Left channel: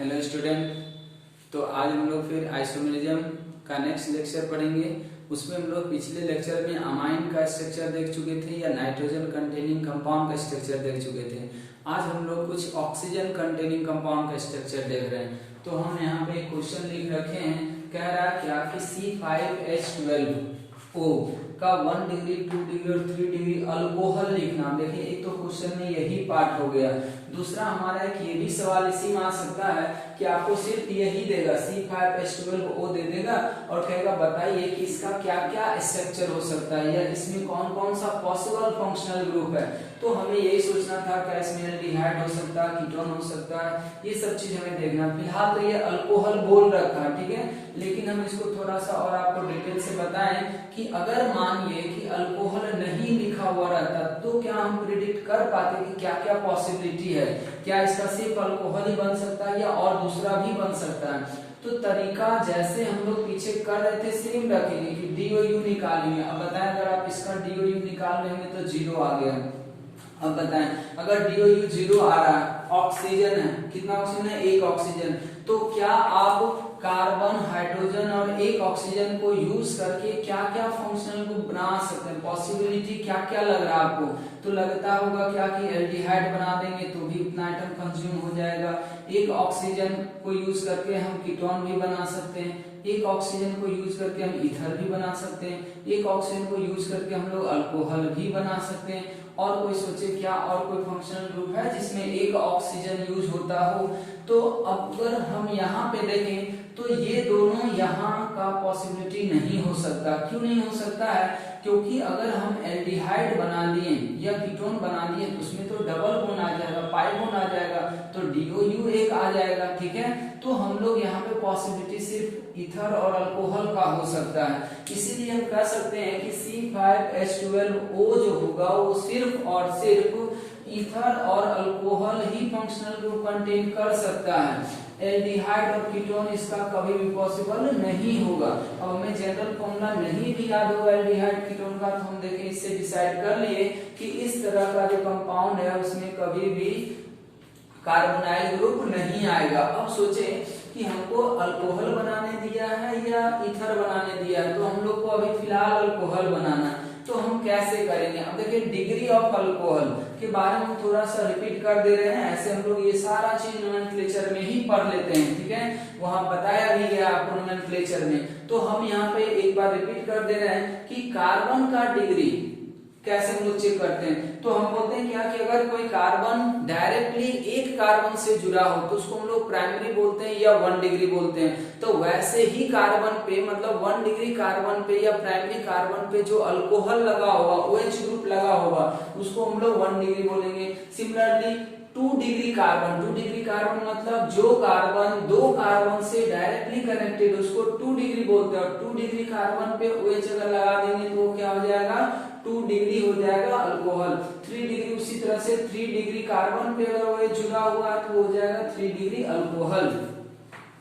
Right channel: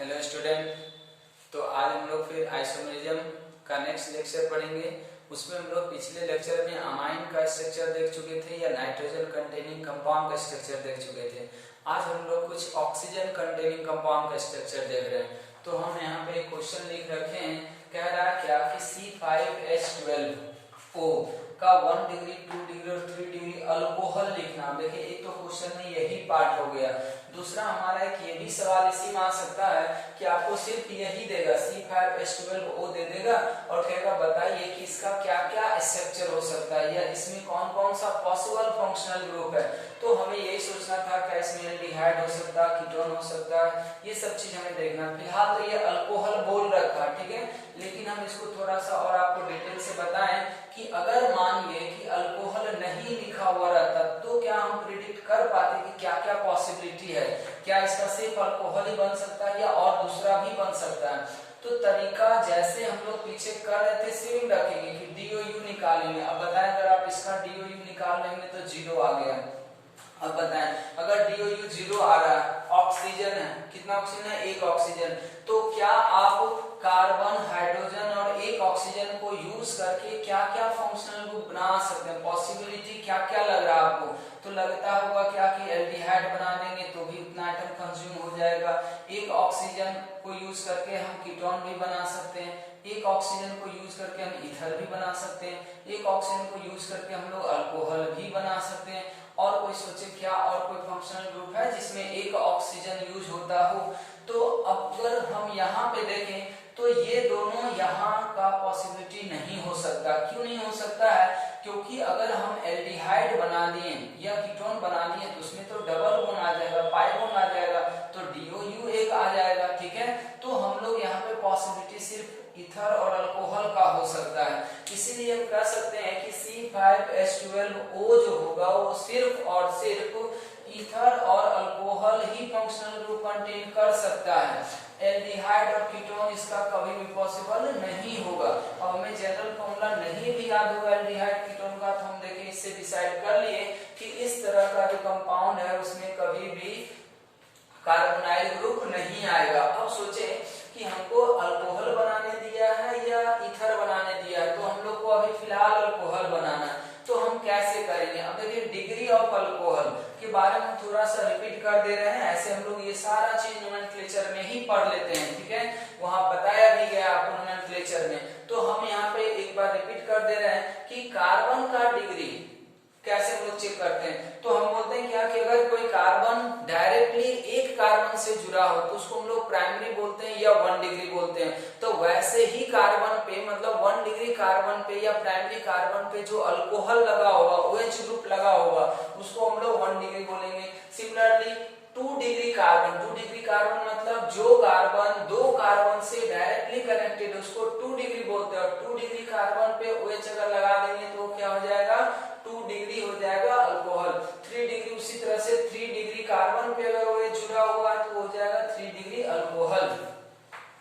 Hello student. तो आज हम लोग फिर आइसोमेरिज्म का नेक्स्ट लेक्चर पढ़ेंगे। उसमें हम लोग पिछले लेक्चर में अमाइन का स्ट्रक्चर देख चुके थे या नाइट्रोजन कंटेनिंग कंपाउंड का स्ट्रक्चर देख चुके थे। आज हम लोग कुछ ऑक्सीजन कंटेनिंग कंपाउंड का स्ट्रक्चर देख रहे हैं। तो हम यहाँ पे क्वेश्चन लिख रखे हैं, कह रहा है क्या कि C5H12O का 1 डिग्री 2 डिग्री और 3 डिग्री अल्कोहल लिखना। देखिए एक तो क्वेश्चन में यही पार्ट हो गया। दूसरा हमारा एक ये भी सवाल इसी में आ सकता है कि आपको सिर्फ यही देगा, C5H12O दे देगा और कहेगा बताइए कि इसका क्या क्या स्ट्रक्चर हो सकता है या इसमें कौन कौन सा पॉसिबल फंक्शनल ग्रुप है। तो हमें यही सोचना था, क्या इसमें एल्डिहाइड हो सकता है, कीटोन हो सकता है, ये सब चीज हमें देखना। फिलहाल तो ये अल्कोहल बोल रखा है, ठीक है, लेकिन हम इसको थोड़ा सा और आपको डिटेल से बताएं कि अगर मानिए कि अल्कोहल नहीं लिखा हुआ रहता तो क्या हम प्रिडिक्ट कर पाते कि क्या क्या पॉसिबिलिटी है, क्या इसका सिर्फ अल्कोहल ही बन सकता है या और दूसरा भी बन सकता है। तो तरीका जैसे हम लोग पीछे कर रहे थे सेम रखेंगे कि DOU निकालेंगे। अब बताएं अगर आप इसका DOU निकाल लेंगे तो 0 आ गया। अब बताएं अगर DOU 0 आ रहा है, ऑक्सीजन है, कितना ऑक्सीजन है, एक ऑक्सीजन, तो क्या आप कार्बन, हाइड्रोजन और एक ऑक्सीजन को यूज करके क्या क्या फंक्शनल को बना सकते हैं, पॉसिबिलिटी क्या क्या लग रहा है आपको। तो लगता होगा क्या कि एल्डिहाइड बना देंगे तो भी उतना आइटम कंज्यूम हो जाएगा। एक ऑक्सीजन को यूज करके हम कीटोन भी बना सकते हैं, एक ऑक्सीजन को यूज करके हम ईथर भी बना सकते हैं, एक ऑक्सीजन को यूज करके हम लोग अल्कोहल भी बना सकते हैं। और कोई सोचे क्या और कोई फंक्शनल ग्रुप है जिसमें एक ऑक्सीजन यूज होता हो। तो अगर हम यहाँ पे देखें तो ये दोनों यहाँ का पॉसिबिलिटी नहीं हो सकता। क्यों नहीं हो सकता है? क्योंकि अगर हम एल्डिहाइड बना दिए या कीटोन बना दिए तो उसमें तो डबल बॉन्ड आ जाएगा, पाई बॉन्ड आ जाएगा, तो DOU एक आ जाएगा, ठीक है। तो हम लोग यहाँ पे पॉसिबिलिटी सिर्फ ईथर और अल्कोहल का हो सकता है। इसीलिए हम कह सकते हैं कि C5H12O जो होगा वो सिर्फ और सिर्फ ईथर और अल्कोहल ही फंक्शनल ग्रुप कंटेन कर सकता है। एल्डिहाइड और कीटोन इसका कभी भी पॉसिबल नहीं होगा। अब हमें जनरल फॉर्मूला नहीं भी याद होगा एल्डिहाइड कीटोन का, तो हम देखें इससे डिसाइड कर लिए कि इस तरह का जो कंपाउंड है उसमें कभी भी कार्बोनाइल ग्रुप नहीं आएगा। अब सोचे कि हमको अल्कोहल बनाने दिया है या ईथर बनाने दिया है, तो हम लोग को अभी फिलहाल अल्कोहल बनाना है। तो हम कैसे करेंगे? अब देखिए डिग्री ऑफ अल्कोहल के बारे में थोड़ा सा रिपीट कर दे रहे हैं। ऐसे हम लोग ये सारा चीज नोमेनक्लेचर में ही पढ़ लेते हैं, ठीक है, वहां बताया भी गया आपको नोमेनक्लेचर में। तो हम यहाँ पे एक बार रिपीट कर दे रहे हैं कि कार्बन का डिग्री कैसे हम लोग चेक करते हैं। तो हम बोलते हैं क्या कि अगर कोई कार्बन डायरेक्टली एक कार्बन से जुड़ा हो तो उसको हम लोग प्राइमरी बोलते हैं या 1 डिग्री बोलते हैं। तो वैसे ही कार्बन पे मतलब 1 डिग्री कार्बन पे या प्राइमरी कार्बन पे जो अल्कोहल लगा होगा, OH ग्रुप लगा होगा, उसको हम लोग 1 डिग्री बोलेंगे। सिमिलरली 2 डिग्री कार्बन मतलब जो कार्बन 2 कार्बन से डायरेक्टली कनेक्टेड है उसको 2 डिग्री बोलते हैं। और 2 डिग्री कार्बन पे OH अगर लगा देंगे तो वो क्या हो जाएगा, 2 डिग्री हो जाएगा अल्कोहल। 3 डिग्री उसी तरह से 3 डिग्री कार्बन पे अगर OH जुड़ा हुआ है तो हो जाएगा 3 डिग्री अल्कोहल।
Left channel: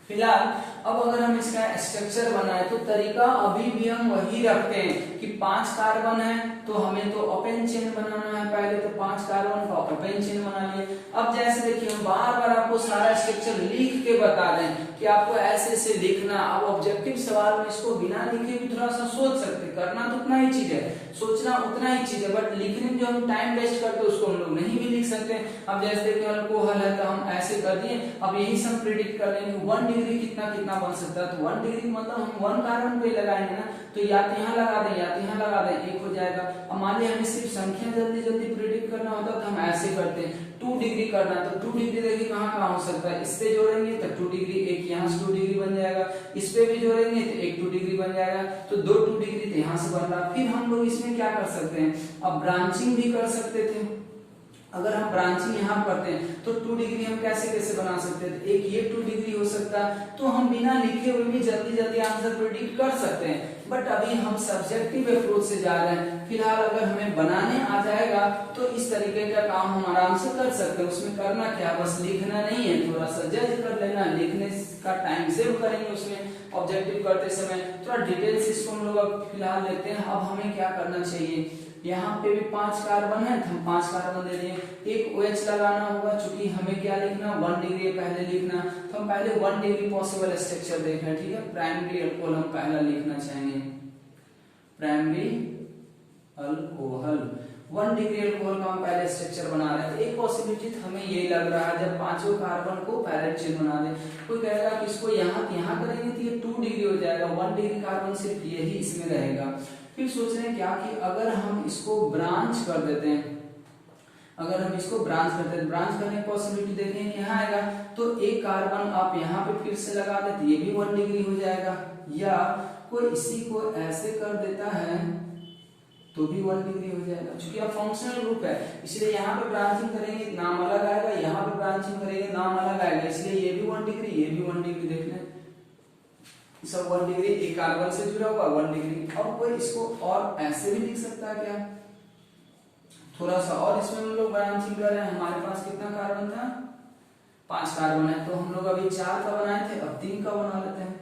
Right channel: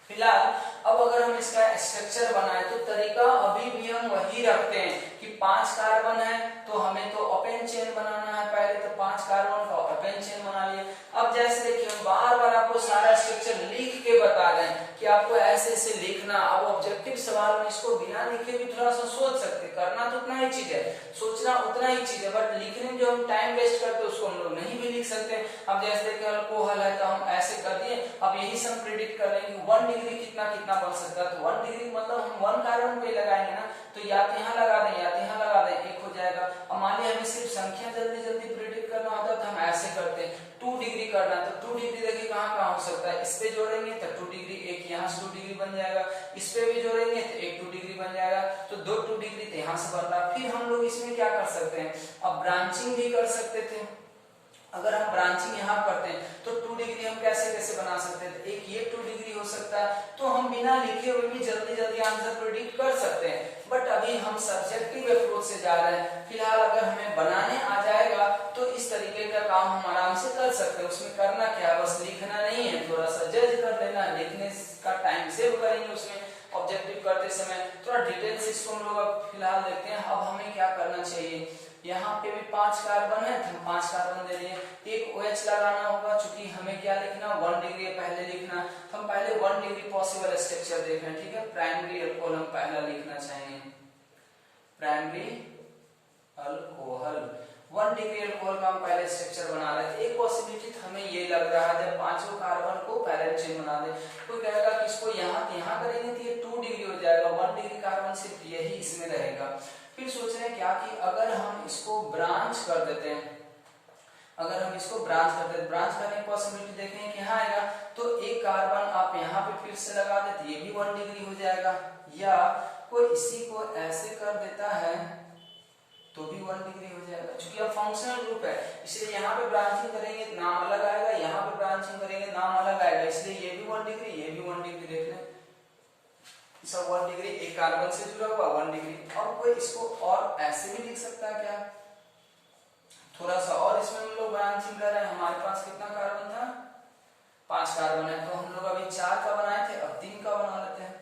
फिलहाल अब अगर हम इसका स्ट्रक्चर बनाए तो तरीका अभी भी हम वही रखते हैं कि 5 कार्बन है तो हमें तो ओपन चेन बनाना है। पहले तो 5 कार्बन का ओपन चेन बना लिए। अब जैसे देखिए हम बार बार आपको सारा स्ट्रक्चर लिख के बता रहे हैं कि आपको ऐसे ऐसे लिखना। अब ऑब्जेक्टिव सवाल में इसको बिना लिखे भी थोड़ा सा सोच सकते, करना तो उतना ही चीज है, सोचना उतना ही चीज है, बट लिखने में जो हम टाइम वेस्ट करते उसको हम लोग नहीं भी लिख सकते। अब जैसे देखिए अल्कोहल है तो हम ऐसे कर दिए। अब यही से हम प्रिडिक्ट कर लेंगे 1 डिग्री कितना कितना बन सकता है। तो 1 डिग्री मतलब हम 1 कार्बन को ही लगाएंगे ना, तो या तो यहाँ लगा दें या तो यहाँ लगा दें, एक हो जाएगा। अब मान लिया हमें सिर्फ संख्या जल्दी जल्दी प्रिडिक्ट करना होता है तो हम ऐसे करते हैं। 2 डिग्री करना तो 2 डिग्री देखिए कहाँ कहाँ हो सकता है, इस पे जोड़ेंगे तो 2 डिग्री, एक यहाँ से 2 डिग्री बन जाएगा, इस पे भी जोड़ेंगे तो एक 2 डिग्री बन जाएगा, तो 2 डिग्री तो यहाँ से बन रहा। फिर हम लोग इसमें क्या कर सकते हैं, अब ब्रांचिंग भी कर सकते थे। अगर हम ब्रांचिंग यहाँ करते हैं तो 2 डिग्री हम कैसे कैसे बना सकते हैं, एक ये 2 डिग्री हो सकता है। तो हम बिना लिखे हुए भी जल्दी जल्दी आंसर प्रेडिक्ट कर सकते हैं, बट अभी हम सब्जेक्टिव अप्रोच से जा रहे हैं। फिलहाल अगर हमें बनाने आ जाएगा तो इस तरीके का काम हम आराम से कर सकते हैं। उसमें करना क्या, बस लिखना नहीं है, थोड़ा सा जज कर लेना, लिखने का टाइम सेव करेंगे उसमें। ऑब्जेक्टिव करते समय थोड़ा डिटेल से इसको हम लोग अब फिलहाल लेते हैं। अब हमें क्या करना चाहिए, यहाँ पे भी 5 कार्बन है, तो हम 5 कार्बन दे दिए। एक OH लगाना होगा, चूंकि हमें क्या लिखना, 1 डिग्री पहले लिखना, तो हम पहले 1 डिग्री पॉसिबल स्ट्रक्चर देख रहे हैं, ठीक है। प्राइमरी अल्कोहल हम पहला लिखना चाहेंगे, प्राइमरी अल्कोहल 1 डिग्री अल्कोहल का हम पहले स्ट्रक्चर बना रहे हैं। एक पॉसिबिलिटी हमें ये लग रहा है, जब पांचों कार्बन को पैरेलल चेन बना दे, कोई कहेगा कि इसको यहाँ करेंगे तो ये 2 डिग्री हो जाएगा, 1 डिग्री कार्बन सिर्फ यही इसमें रहेगा। फिर सोच रहे हैं क्या कि अगर हम इसको ब्रांच कर देते हैं, अगर हम इसको ब्रांच करते हैं, ब्रांच करने की पॉसिबिलिटी देखें यहाँ आएगा, तो एक कार्बन आप यहाँ पे फिर से लगा देते, ये भी 1 डिग्री हो जाएगा। या कोई इसी को ऐसे कर देता है तो भी 1 डिग्री हो जाएगा, क्योंकि अब फंक्शनल ग्रुप है, इसलिए यहाँ पे ब्रांचिंग करेंगे नाम अलग आएगा, यहाँ पे ब्रांचिंग करेंगे नाम अलग आएगा, इसलिए ये भी 1 डिग्री, ये भी 1 डिग्री। देख लें सब 1 डिग्री, एक कार्बन से जुड़ा हुआ 1 डिग्री। अब कोई इसको और ऐसे भी लिख सकता है क्या, थोड़ा सा और इसमें हम लोग ब्रांचिंग कर रहे हैं। हमारे पास कितना कार्बन था, 5 कार्बन है, तो हम लोग अभी 4 का बनाए थे, अब 3 का बना लेते हैं।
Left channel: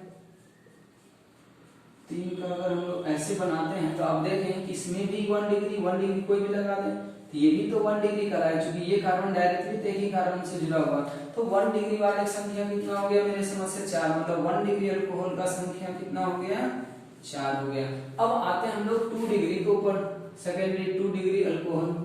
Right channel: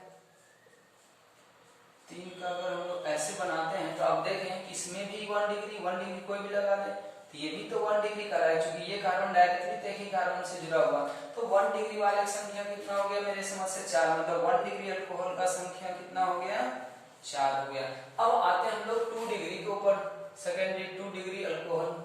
3 का अगर हम लोग ऐसे बनाते हैं तो आप देखें कि इसमें भी 1 डिग्री कोई भी लगा दे, तो ये भी तो 1 डिग्री का है, क्योंकि ये कार्बन डायरेक्टली एक ही कार्बन से जुड़ा हुआ, तो 1 डिग्री वाले संख्या कितना हो गया मेरे समझ से 4, मतलब 1 डिग्री अल्कोहल का संख्या कितना हो गया, 4 हो गया। अब आते हैं हम लोग 2 डिग्री के ऊपर, सेकेंडरी 2 डिग्री अल्कोहल।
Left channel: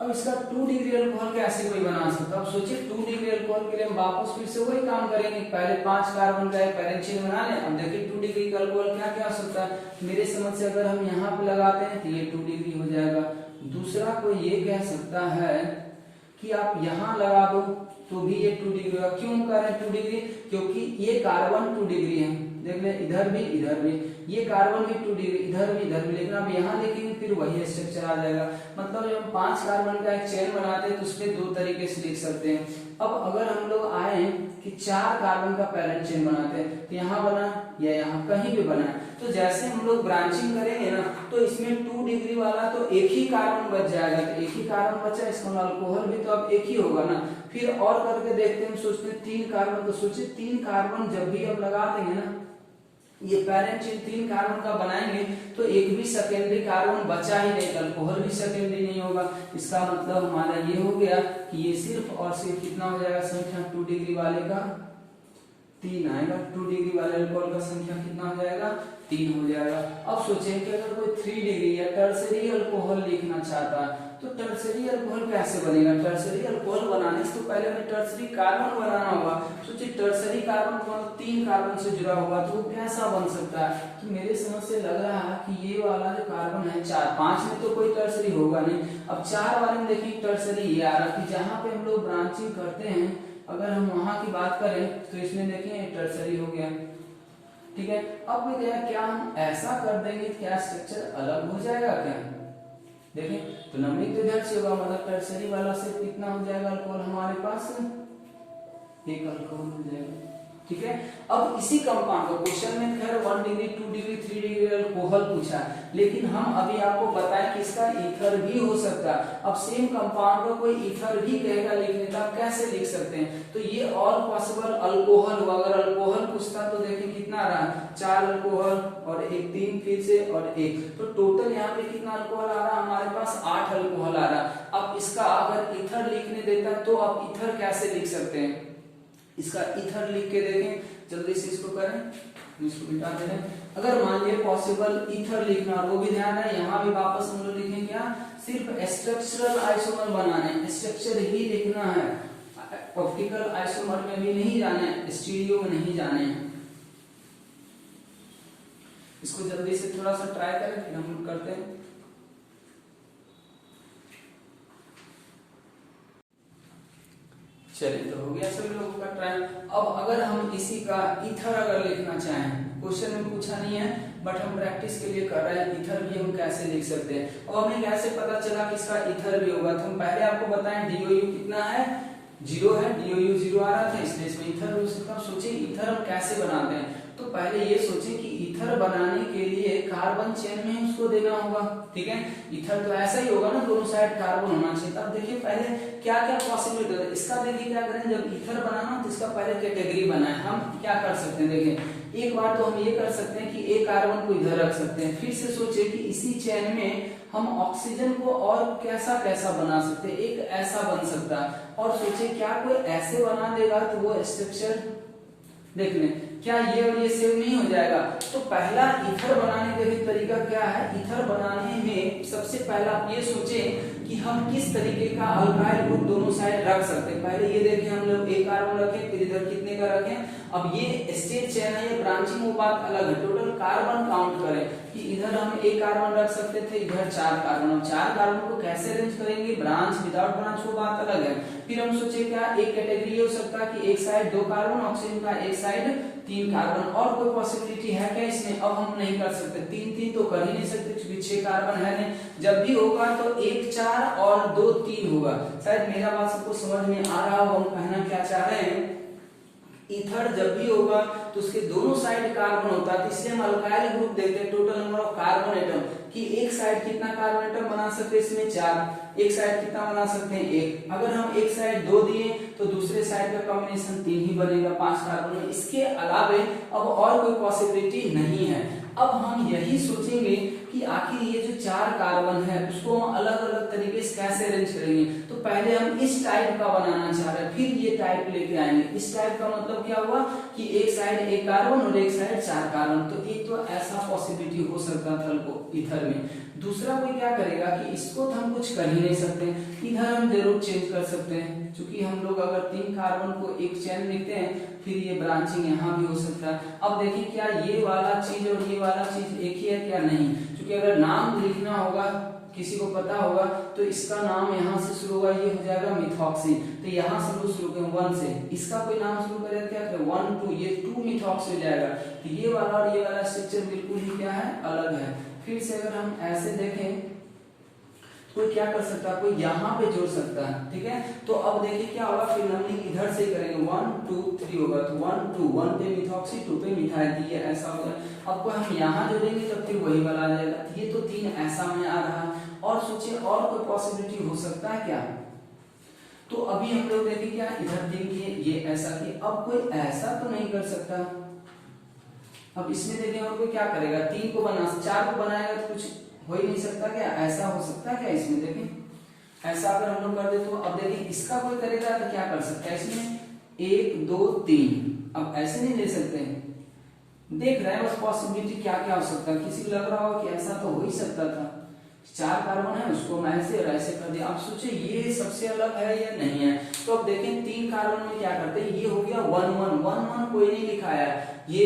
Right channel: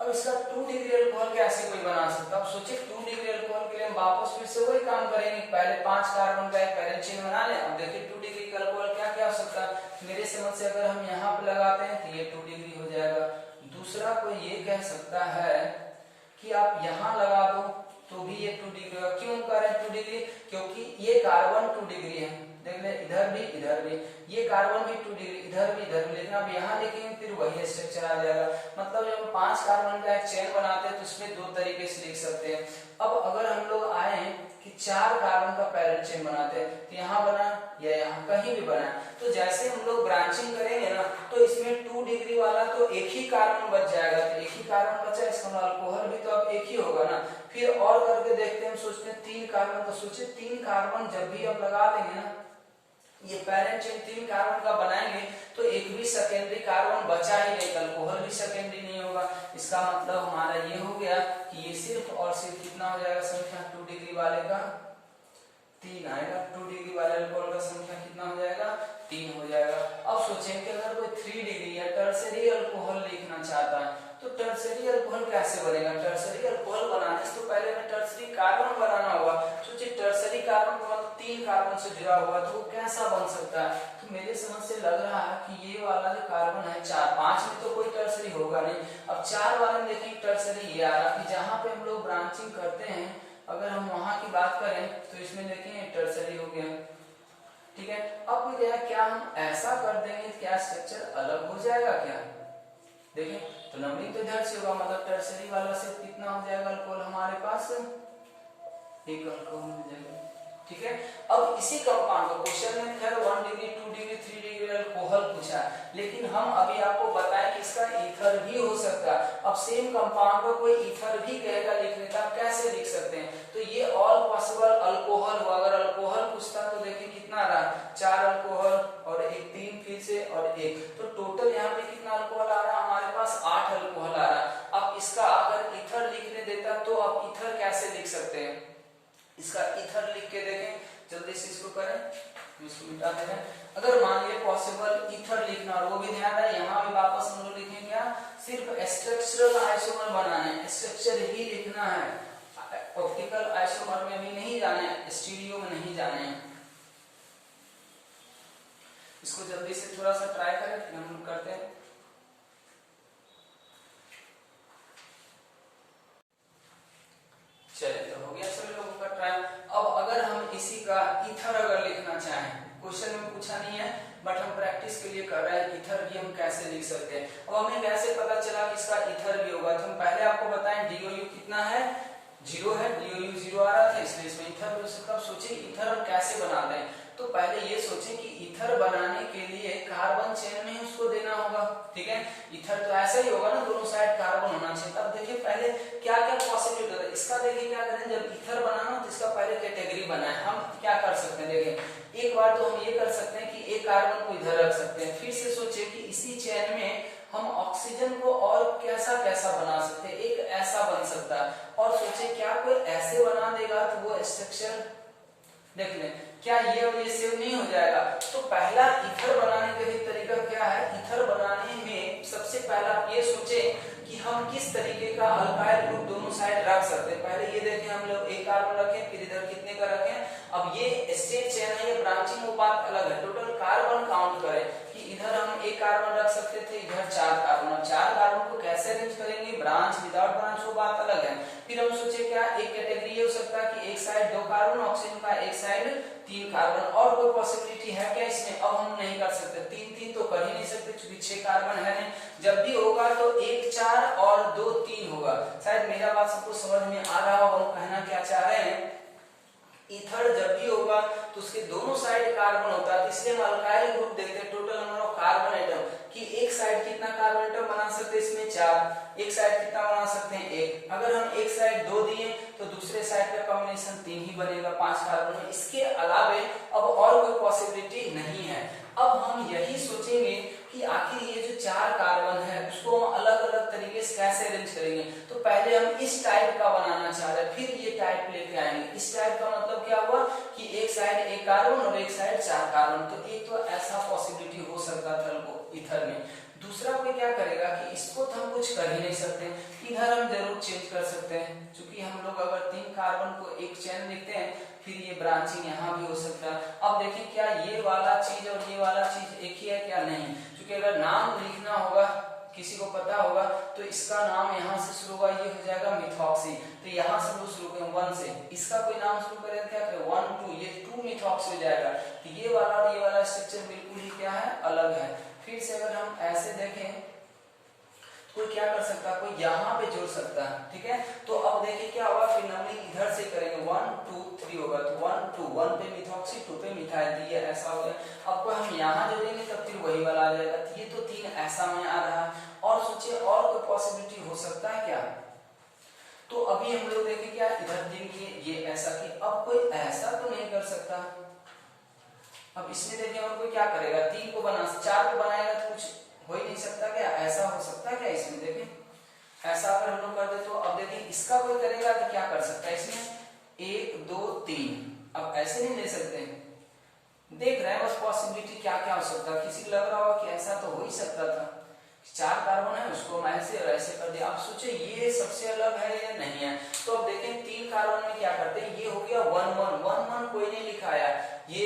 अब इसका 2 डिग्री अल्कोहल कैसे कोई बना सकता है, अब सोचिए 2 डिग्री अल्कोहल के लिए हम वापस फिर से वही काम करेंगे, पहले 5 कार्बन का एक पैरेलल चेन बना लें। अब देखिए 2 डिग्री का अल्कोहल क्या क्या हो सकता है, मेरे समझ से अगर हम यहाँ पे लगाते हैं तो ये 2 डिग्री हो जाएगा। दूसरा कोई ये कह सकता है कि आप यहाँ लगा दो तो भी ये 2 डिग्री होगा। क्यों कर रहे हैं 2 डिग्री, क्योंकि ये कार्बन 2 डिग्री है, देख ले इधर भी, ये कार्बन भी 2 डिग्री, इधर भी, लेकिन अब यहाँ देखेंगे फिर वही स्ट्रक्चर आ जाएगा। मतलब जब हम 5 कार्बन का एक चेन बनाते हैं तो उसमें 2 तरीके से लिख सकते हैं। अब अगर हम लोग आए कि 4 कार्बन का पैरेलल चेन बनाते हैं, तो यहाँ बना या यहाँ कहीं भी बना, तो जैसे हम लोग ब्रांचिंग करेंगे ना, तो इसमें 2 डिग्री वाला तो एक ही कार्बन बच जाएगा, तो एक ही कार्बन बचा, इसका अल्कोहल भी तो अब एक ही होगा ना। फिर और करके देखते हैं, हम सोचते हैं 3 कार्बन, तो सोचिए 3 कार्बन जब भी हम लगा देंगे ना, ये पैरेंट चेन 3 कार्बन का बनाएंगे तो एक भी सेकेंडरी कार्बन बचा ही नहीं, अल्कोहल भी सेकेंडरी नहीं होगा। इसका मतलब हमारा ये हो गया कि ये सिर्फ और सिर्फ कितना हो जाएगा संख्या, 2 डिग्री वाले का 3 आएगा, 2 डिग्री वाले अल्कोहल का संख्या कितना हो जाएगा, 3 हो जाएगा। अब सोचें कि अगर कोई 3 डिग्री या टर्सरी अल्कोहल लिखना चाहता है तो टर्सरी अल्कोहल कैसे बनेगा, टर्सरी अल्कोहल बनाने से तो पहले हमें टर्सरी कार्बन बनाना होगा। सोचिए टर्सरी कार्बन मतलब 3 कार्बन से जुड़ा हुआ, तो वो कैसा बन सकता है, तो मेरे समझ से लग रहा है कि ये वाला जो कार्बन है 4, 5 में तो कोई टर्सरी होगा नहीं। अब 4 वाले में देखिए टर्सरी ये आ रहा कि जहाँ पे हम लोग ब्रांचिंग करते हैं, अगर हम वहां की बात करें तो इसमें देखिए टर्सरी हो गया, ठीक है। अब क्या हम ऐसा कर देंगे, क्या स्ट्रक्चर अलग हो जाएगा क्या, देखिए तो नंबरिंग तो इधर से होगा, मतलब टर्सरी वाला से कितना हो जाएगा अल्कोहल हमारे पास, एक अल्कोहल हो जाएगा, ठीक है। अब इसी कंपाउंड को क्वेश्चन में खैर 1 डिग्री 2 डिग्री 3 डिग्री अल्कोहल पूछा, लेकिन हम अभी आपको बताएं कि इसका ईथर भी हो सकता है। अब सेम कंपाउंड को कोई ईथर भी कहेगा लिखने का, कैसे लिख सकते हैं, तो ये ऑल पॉसिबल अल्कोहल हुआ। अगर अल्कोहल पूछता तो देखिए कितना रहा, 4 अल्कोहल और एक 3 फिर से और 1, तो टोटल यहाँ पे कितना अल्कोहल आ रहा है हमारे पास, 8 अल्कोहल आ रहा। अब इसका अगर ईथर लिखने देता तो आप ईथर कैसे लिख सकते हैं, इसका ईथर लिख के देखें, जल्दी से इसको करें, इसको मिटा दे रहे हैं। अगर मान लिए पॉसिबल ईथर लिखना, और वो भी ध्यान है यहाँ भी वापस हम लोग लिखेंगे क्या, सिर्फ स्ट्रक्चरल आइसोमर बनाना है, स्ट्रक्चर ही लिखना है, ऑप्टिकल आइसोमर में भी नहीं जाना है, स्टीरियो में नहीं जाने हैं। इसको जल्दी से थोड़ा सा ट्राई करें, फिर हम करते हैं। चलिए तो हो गया सभी लोगों का ट्रायल। अब अगर हम इसी का ईथर अगर लिखना चाहें, क्वेश्चन में पूछा नहीं है बट हम प्रैक्टिस के लिए कर रहे हैं, ईथर भी हम कैसे लिख सकते हैं। और हमें कैसे पता चला कि इसका ईथर भी होगा, तो हम पहले आपको बताएं DOU कितना है, 0 है, DOU 0 आ रहा था, इसलिए इसमें ईथर हो सकता है। सोचिए ईथर हम कैसे बनाते हैं, तो पहले ये सोचें कि ईथर बनाने के लिए कार्बन चेन में ही उसको देना होगा, ठीक है। ईथर तो ऐसा ही होगा ना, दोनों साइड कार्बन होना चाहिए। तब देखिए पहले क्या क्या पॉसिबिलिटी है इसका, देखिए क्या करें, जब ईथर बनाना तो इसका पहले कैटेगरी बनाए। हम क्या कर सकते हैं, देखिए एक बार तो हम ये कर सकते हैं कि एक कार्बन को इधर रख सकते हैं, फिर से सोचे कि इसी चेन में हम ऑक्सीजन को और कैसा कैसा बना सकते हैं, एक ऐसा बन सकता है, और सोचे क्या कोई ऐसे बना देगा तो वो स्ट्रक्चर देख लें, क्या ये और ये सेम नहीं हो जाएगा। तो पहला ईथर बनाने का भी तरीका क्या है, ईथर बनाने में सबसे पहला आप ये सोचें कि हम किस तरीके का अल्काइल ग्रुप दोनों साइड रख सकते हैं। पहले ये देखें हम लोग एक कार्बन रखें, फिर इधर कितने का रखें। अब ये स्टेट चेन है, ये ब्रांचिंग वो बात अलग है, टोटल कार्बन काउंट करें कि इधर हम एक कार्बन रख सकते थे, इधर 4 कार्बन, 4 कार्बन को कैसे अरेंज करेंगे, ब्रांच विदाउट ब्रांच वो बात अलग है। फिर हम सोचे क्या एक कैटेगरी हो सकता है कि एक साइड 2 कार्बन ऑक्सीजन का, एक साइड 3 कार्बन, और कोई पॉसिबिलिटी है क्या इसमें। अब हम नहीं कर सकते, 3 तो कर ही नहीं सकते क्योंकि 6 कार्बन है नहीं। जब भी होगा तो 1 4 और 2 3 होगा। शायद मेरा बात सबको समझ में आ रहा होगा, हम कहना क्या चाह रहे हैं। ईथर जब भी होगा तो उसके दोनों साइड कार्बन होता है, इसलिए हम अल्काइल ग्रुप देते हैं total number of carbon atom कि एक साइड कितना कार्बन एटम बना सकते हैं इसमें 4, एक साइड कितना बना सकते हैं 1। अगर हम एक साइड 2 दिए तो दूसरे साइड का कॉम्बिनेशन 3 ही बनेगा 5 कार्बन में। इसके अलावे अब और कोई पॉसिबिलिटी नहीं है। अब हम यही सोचेंगे कि आखिर ये जो 4 कार्बन है उसको हम अलग अलग तरीके से कैसे अरेंज करेंगे। तो पहले हम इस टाइप का बनाना चाह रहे हैं, फिर ये टाइप लेके आएंगे। इस टाइप का मतलब क्या हुआ कि एक साइड 1 कार्बन और एक साइड 4 कार्बन। तो एक तो ऐसा पॉसिबिलिटी हो सकता था ईथर में। दूसरा कोई क्या करेगा कि इसको तो हम कुछ कर ही नहीं सकते, इधर हम जरूर चेंज कर सकते हैं, क्योंकि हम लोग अगर 3 कार्बन को एक चेन लिखते हैं फिर ये ब्रांचिंग यहाँ भी हो सकता है। अब देखिए क्या ये वाला चीज और ये वाला चीज एक ही है क्या, नहीं। क्योंकि अगर नाम लिखना होगा, किसी को पता होगा तो इसका नाम यहाँ से शुरू होगा, ये हो जाएगा मिथॉक्सी। तो यहाँ से हम शुरू करें 1 से, इसका कोई नाम शुरू करें क्या करें 1 2, ये 2 मिथॉक्स हो जाएगा। तो ये वाला और ये वाला स्ट्रक्चर बिल्कुल ही क्या है, अलग है। फिर से अगर हम ऐसे देखें कोई क्या कर सकता है, कोई यहाँ पे जोड़ सकता है, ठीक है। तो अब देखिए क्या होगा, फिर नंबरिंग इधर से करेंगे 1 2 3 होगा। तो 1 2 1 पे मिथॉक्सी, 2 पे मिथाइल, तो ये ऐसा होगा। अब को हम यहाँ जोड़ेंगे तब फिर वही वाला आ जाएगा। तो ये तो 3 ऐसा में आ रहा। और सोचिए और कोई पॉसिबिलिटी हो सकता है क्या। तो अभी हम लोग देखें क्या, इधर 3 किए, ये ऐसा किए। अब कोई ऐसा तो नहीं कर सकता। अब इसमें देखें और कोई क्या करेगा, 3 को बना 4 को बनाएगा तो कुछ हो ही नहीं सकता क्या, ऐसा हो सकता है क्या इसमें। देखें ऐसा अगर हम लोग कर दे तो अब देखिए इसका कोई करेगा तो क्या कर सकता है इसमें 1 2 3। अब ऐसे नहीं ले सकते, देख रहे हैं बस पॉसिबिलिटी क्या क्या हो सकता है। किसी को लग रहा हो कि ऐसा तो हो ही सकता था, 4 कार्बन है उसको हम ऐसे और ऐसे कर दिया। अब सोचे ये सबसे अलग है या नहीं है। तो अब देखें 3 कार्बन में क्या करते हैं, ये हो गया 1 1 1 1 कोई नहीं लिखाया, ये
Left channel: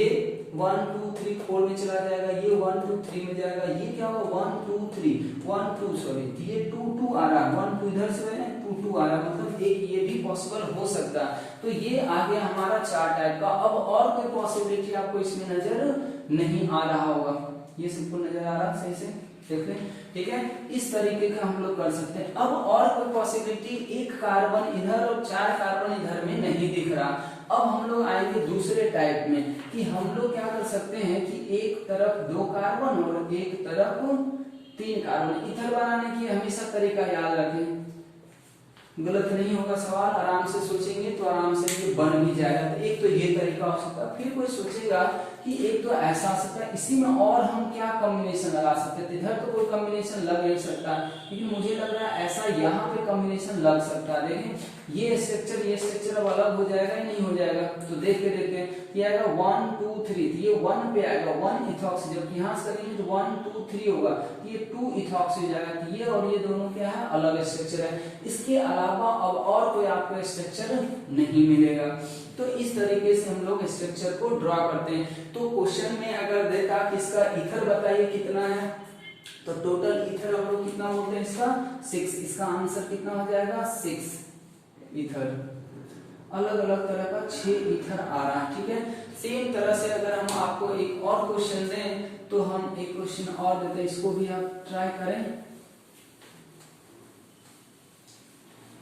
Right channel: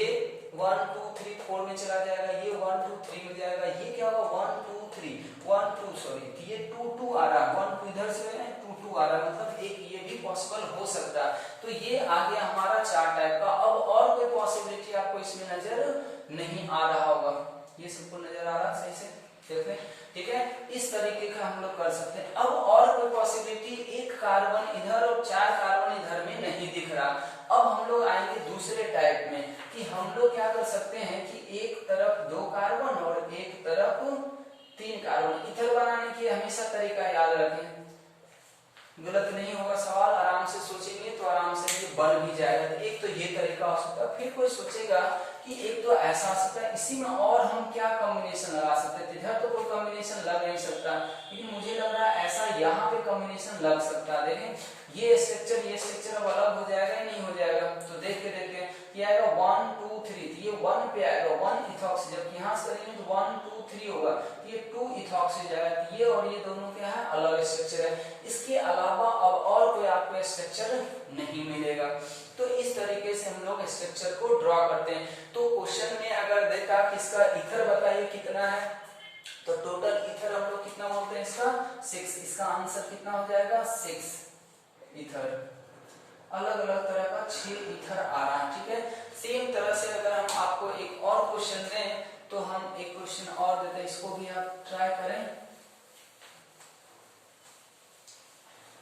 1 2 3 4 में चला जाएगा, ये 1 2 3 में जाएगा, ये क्या होगा 1 2 3 1 2 सॉरी ये 2 2 आ रहा, 1 2 इधर से 2 2 आ रहा, मतलब एक ये भी पॉसिबल हो सकता है। तो ये आ गया हमारा 4 टाइप का। अब और कोई पॉसिबिलिटी आपको इसमें नजर नहीं आ रहा होगा, ये सबको नजर आ रहा सही से देख लें, ठीक है। इस तरीके का हम लोग कर सकते हैं। अब और कोई पॉसिबिलिटी, 1 कार्बन इधर और 4 कार्बन इधर में नहीं दिख रहा। अब हम लोग आएंगे दूसरे टाइप में कि हम लोग क्या कर सकते हैं कि एक तरफ 2 कार्बन और एक तरफ 3 कार्बन। इधर बनाने की हमेशा तरीका याद रखें, गलत नहीं होगा सवाल, आराम से सोचेंगे तो आराम से ये बन भी जाएगा। तो एक तो ये तरीका हो सकता है। फिर कोई सोचेगा कि एक तो ऐसा हो सकता है, इसी में और हम क्या कॉम्बिनेशन लगा सकते हैं। इधर तो कोई कॉम्बिनेशन लग नहीं सकता, लेकिन मुझे लग रहा है ऐसा यहाँ पे कॉम्बिनेशन लग सकता है। देखें ये स्ट्रक्चर अब अलग हो जाएगा या नहीं हो जाएगा। तो देखते देखते ये आएगा 1 2 3, तो ये 1 पे आएगा 1 इथॉक्सी, जबकि यहाँ से करेंगे तो 1 2 3 होगा, तो ये 2 इथॉक्सी हो जाएगा। तो ये और ये दोनों क्या है, अलग स्ट्रक्चर है। इसके अलावा अब और कोई आपको स्ट्रक्चर नहीं मिलेगा। तो इस तरीके से हम लोग स्ट्रक्चर को ड्रॉ करते हैं। तो क्वेश्चन में अगर देखा कि इसका ईथर बताइए कितना है, तो टोटल ईथर हम लोग कितना बोलते हैं इसका 6। इसका आंसर कितना हो जाएगा 6 ईथर। अलग अलग तरह का 6 ईथर आ रहा है, ठीक है। सेम तरह से अगर हम आपको एक और क्वेश्चन दें तो हम एक क्वेश्चन और देते हैं, इसको भी आप ट्राई करें।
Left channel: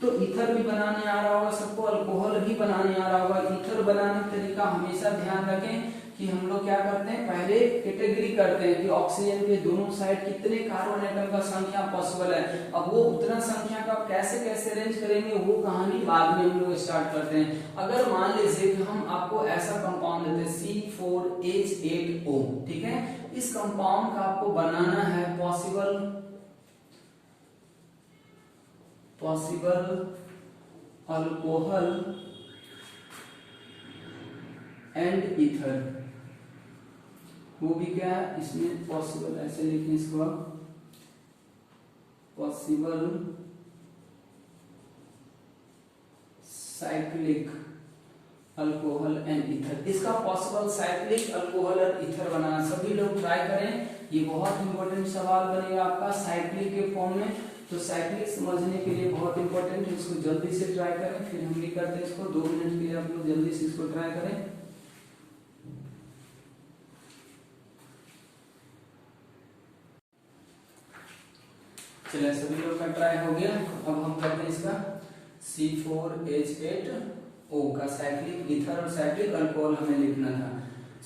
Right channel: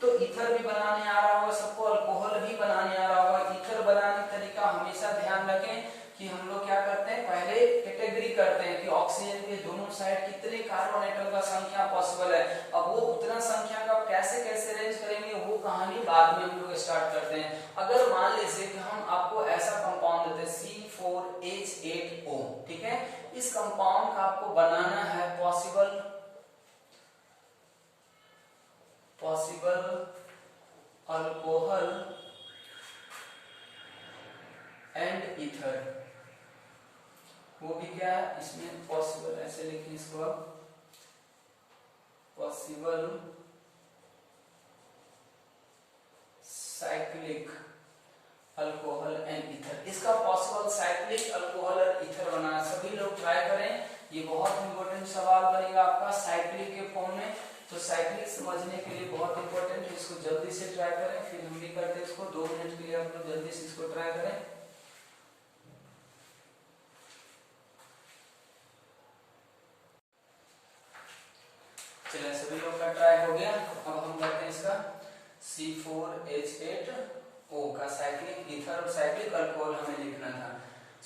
तो ईथर भी बनाने आ रहा होगा सबको, अल्कोहल भी बनाने आ रहा होगा। ईथर बनाने का तरीका हमेशा ध्यान रखें कि हम लोग क्या करते हैं, पहले कैटेगरी करते हैं कि ऑक्सीजन के दोनों साइड कितने कार्बन एटम का संख्या पॉसिबल है। अब वो उतना संख्या का कैसे कैसे अरेंज करेंगे वो कहानी बाद में हम लोग स्टार्ट करते हैं। अगर मान लीजिए कि हम आपको ऐसा कंपाउंड देते हैं C4H8O, ठीक है, इस कंपाउंड का आपको बनाना है पॉसिबल अल्कोहल एंड ईथर, वो भी क्या है इसमें पॉसिबल, ऐसे लिखिए इसको आप, possible cyclic alcohol and ether. इसका possible cyclic alcohol and ether बनाना सभी लोग ट्राई करें, ये बहुत इंपॉर्टेंट सवाल बनेगा आपका साइक्लिक के फॉर्म में। तो साइक्लिक समझने के लिए बहुत इंपॉर्टेंट है, इसको जल्दी से ट्राई करें, फिर हम भी करते हैं इसको 2 मिनट के लिए, आप लोग जल्दी से इसको ट्राई करें। चलिए सभी लोग का ट्राई हो गया। अब हम करते हैं इसका C4H8O का साइक्लिक ईथर और साइक्लिक अल्कोहल हमें लिखना था।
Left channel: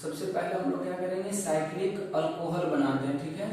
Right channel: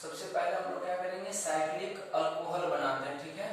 सबसे पहले हम लोग क्या करेंगे, साइक्लिक अल्कोहल बनाते हैं, ठीक है।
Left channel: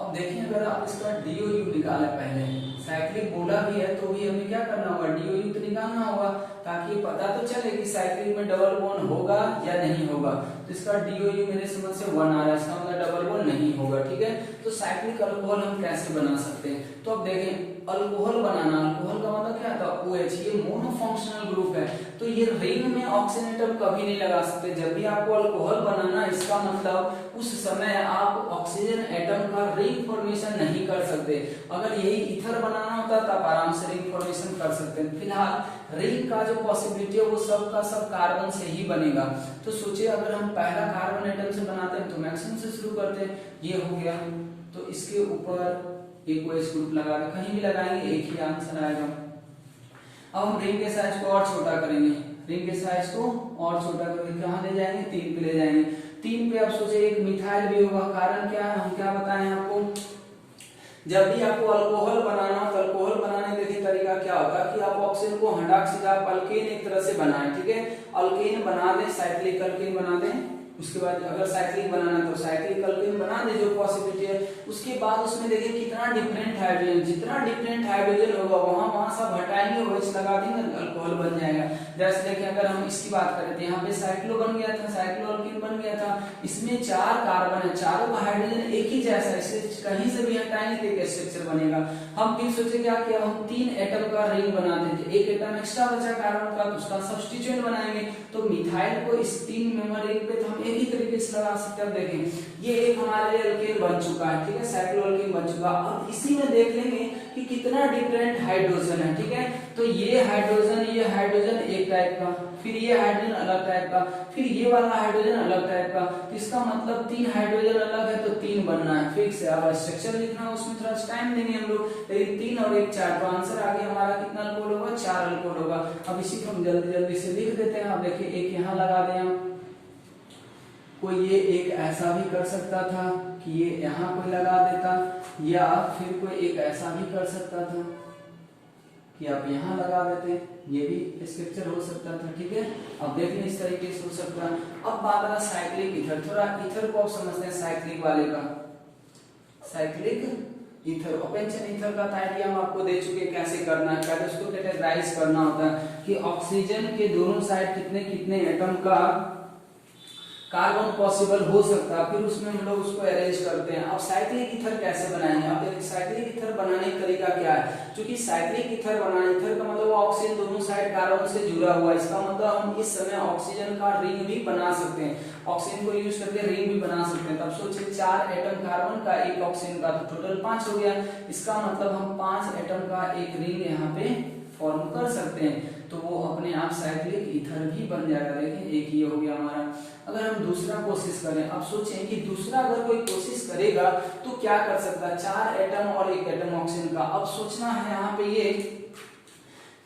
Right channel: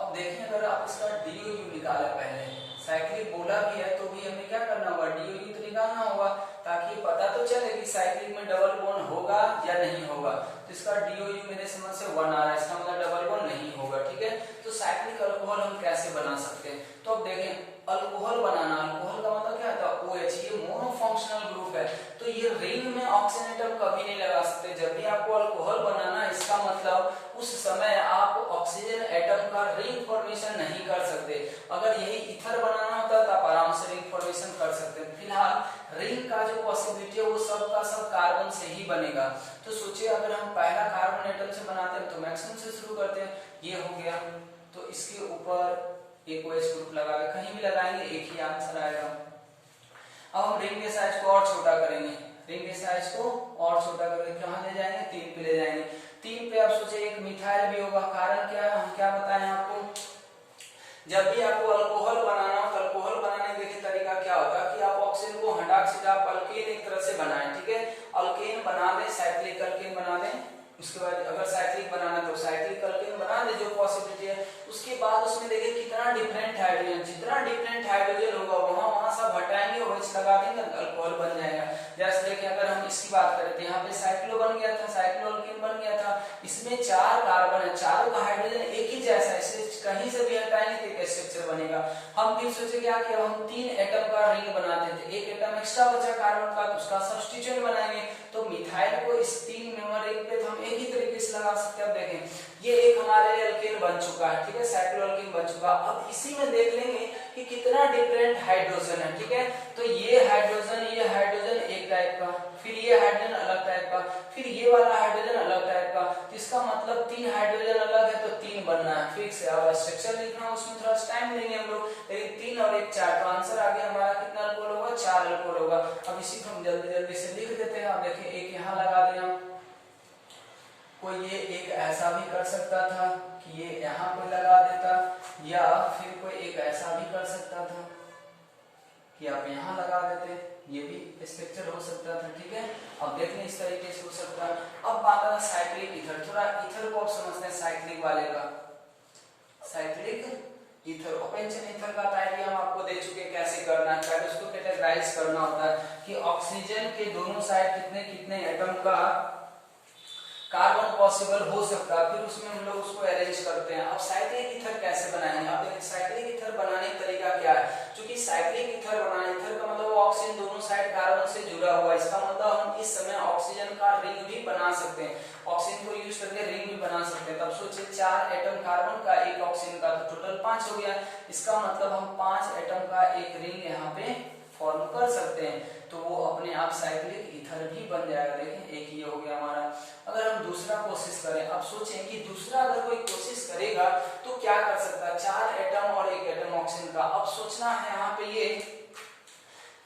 अब देखिए अगर आप इसका DOU निकाला, पहले साइक्लिक बोला भी है तो भी हमें क्या करना होगा, DOU तो निकालना होगा ताकि पता तो चले कि साइक्लिक में डबल बॉन्ड होगा या नहीं होगा। तो इसका DOU मेरे समझ से 1 आ रहा है, इसका मतलब डबल बॉन्ड नहीं होगा, ठीक है। तो साइक्लिक अल्कोहल हम कैसे बना सकते हैं, तो अब देखें अल्कोहल बनाना, अल्कोहल का मतलब क्या था, OH, ये मोनोफंक्शनल ग्रुप है, तो ये रिंग में ऑक्सीजन एटम कभी नहीं लगा सकते। जब भी आपको अल्कोहल बनाना, इसका मतलब उस समय आप ऑक्सीजन एटम का रिंग फॉर्मेशन नहीं कर सकते। अगर यही ईथर बनाना होता तो आप आराम से रिंग फॉर्मेशन कर सकते हैं। फिलहाल रिंग का जो पॉसिबिलिटी है वो सब का सब कार्बन से ही बनेगा। तो सोचिए अगर हम पहला कार्बन एटम से बनाते हैं तो मैक्सिमम से शुरू करते हैं, ये हो गया, तो इसके ऊपर एक OH ग्रुप लगा के कहीं भी लगाएंगे एक ही आंसर आएगा। अब हम रिंग के साइज को और छोटा करेंगे, रिंग के साइज को और छोटा करके कहां ले जाएंगे, 3 पे ले जाएंगे। 3 पे आप सोचे एक मिथाइल भी होगा, कारण क्या है, हम क्या बताएं आपको, जब भी आपको अल्कोहल बनाना हो तो अल्कोहल बनाने के तरीका क्या होता है कि आप ऑक्सीजन को हटा के आप अल्केन एक तरह से बनाएं, ठीक है, अल्केन बना दें, साइक्लिक अल्केन बना दें। उसके बाद अगर साइक्लिक बनाना तो साइक्लिक अल्केन बना दे, जो पॉसिबिलिटी है। उसके बाद उसमें देखिए कितना डिफरेंट हाइड्रोजन, जितना डिफरेंट हाइड्रोजन होगा वहां सब हटाएंगे, OH लगा देंगे, अल्कोहल बन जाएगा। जैसे देखिए अगर हम इसकी बात करें तो यहाँ पे साइक्लो बन गया था, साइक्लो अल्कीन बन गया था, इसमें 4 कार्बन है, चारों का हाइड्रोजन एक ही जैसा है, इसलिए कहीं से भी हटाएंगे तो एक स्ट्रक्चर बनेगा। हम फिर सोचे क्या किया, हम 3 एटम का रिंग बनाते थे, एक एटम एक्स्ट्रा बचा कार्बन का, उसका सब्स्टिट्यूएंट बनाएंगे, तो मिथाइल को इस 3 मेंबर रिंग पे हम एक ही तरीके से लगा सकते हैं। देखें ये एक हमारे लिए अल्केन बन चुका है, ठीक है, साइक्लो अल्केन बन चुका। अब इसी में देख लेंगे कि कितना डिफरेंट हाइड्रोजन है, ठीक है। तो ये हाइड्रोजन एक टाइप का, फिर ये हाइड्रोजन अलग टाइप का, फिर ये वाला हाइड्रोजन अलग टाइप का। तो इसका मतलब 3 हाइड्रोजन अलग है तो 3 बनना है, फिक्स है। अब स्ट्रक्चर लिखना है उसमें थोड़ा टाइम देंगे हम लोग, लेकिन 3 और 1 4, तो आंसर आगे हमारा कितना अल्कोहल होगा, 4 अल्कोहल होगा। अब इसी को हम जल्दी जल्दी से लिख देते हैं। अब देखिए एक यहाँ लगा दें हम, कोई ये एक ऐसा भी कर सकता था कि ये यहाँ कोई लगा देता, या फिर कोई एक ऐसा भी कर सकता था कि आप यहाँ लगा देते, ये भी स्ट्रक्चर हो सकता था, ठीक है। अब देख लें इस तरीके से हो सकता है। अब बात आ साइक्लिक ईथर, थोड़ा ईथर को आप समझते हैं साइक्लिक वाले का, साइक्लिक ईथर ओपेंशन ईथर का आइडिया हम आपको दे चुके कैसे करना है, पहले उसको कैटेगराइज करना होता है कि ऑक्सीजन के दोनों साइड कितने कितने एटम का कार्बन पॉसिबल हो सकता है, फिर उसमें हम लोग उसको अरेंज करते हैं। अब साइक्लिक ईथर कैसे बनाएंगे, अब साइक्लिक ईथर बनाने का तरीका क्या है, क्योंकि साइक्लिक ईथर बनाने, ईथर का मतलब ऑक्सीजन दोनों साइड कार्बन से जुड़ा हुआ है, इसका मतलब हम इस समय ऑक्सीजन का रिंग भी बना सकते हैं, ऑक्सीजन को यूज करके रिंग भी बना सकते हैं। तब सोचिए 4 एटम कार्बन का, एक ऑक्सीजन का, तो टोटल 5 हो गया। इसका मतलब हम 5 एटम का एक रिंग यहाँ पे फॉर्म कर सकते हैं, तो वो अपने आप साइक्लिक ईथर भी बन जाएगा। देखिए एक ये हो गया हमारा। अगर हम दूसरा कोशिश करें, अब सोचें कि दूसरा अगर कोई कोशिश करेगा तो क्या कर सकता है, 4 एटम और 1 एटम ऑक्सीजन का। अब सोचना है यहाँ पे ये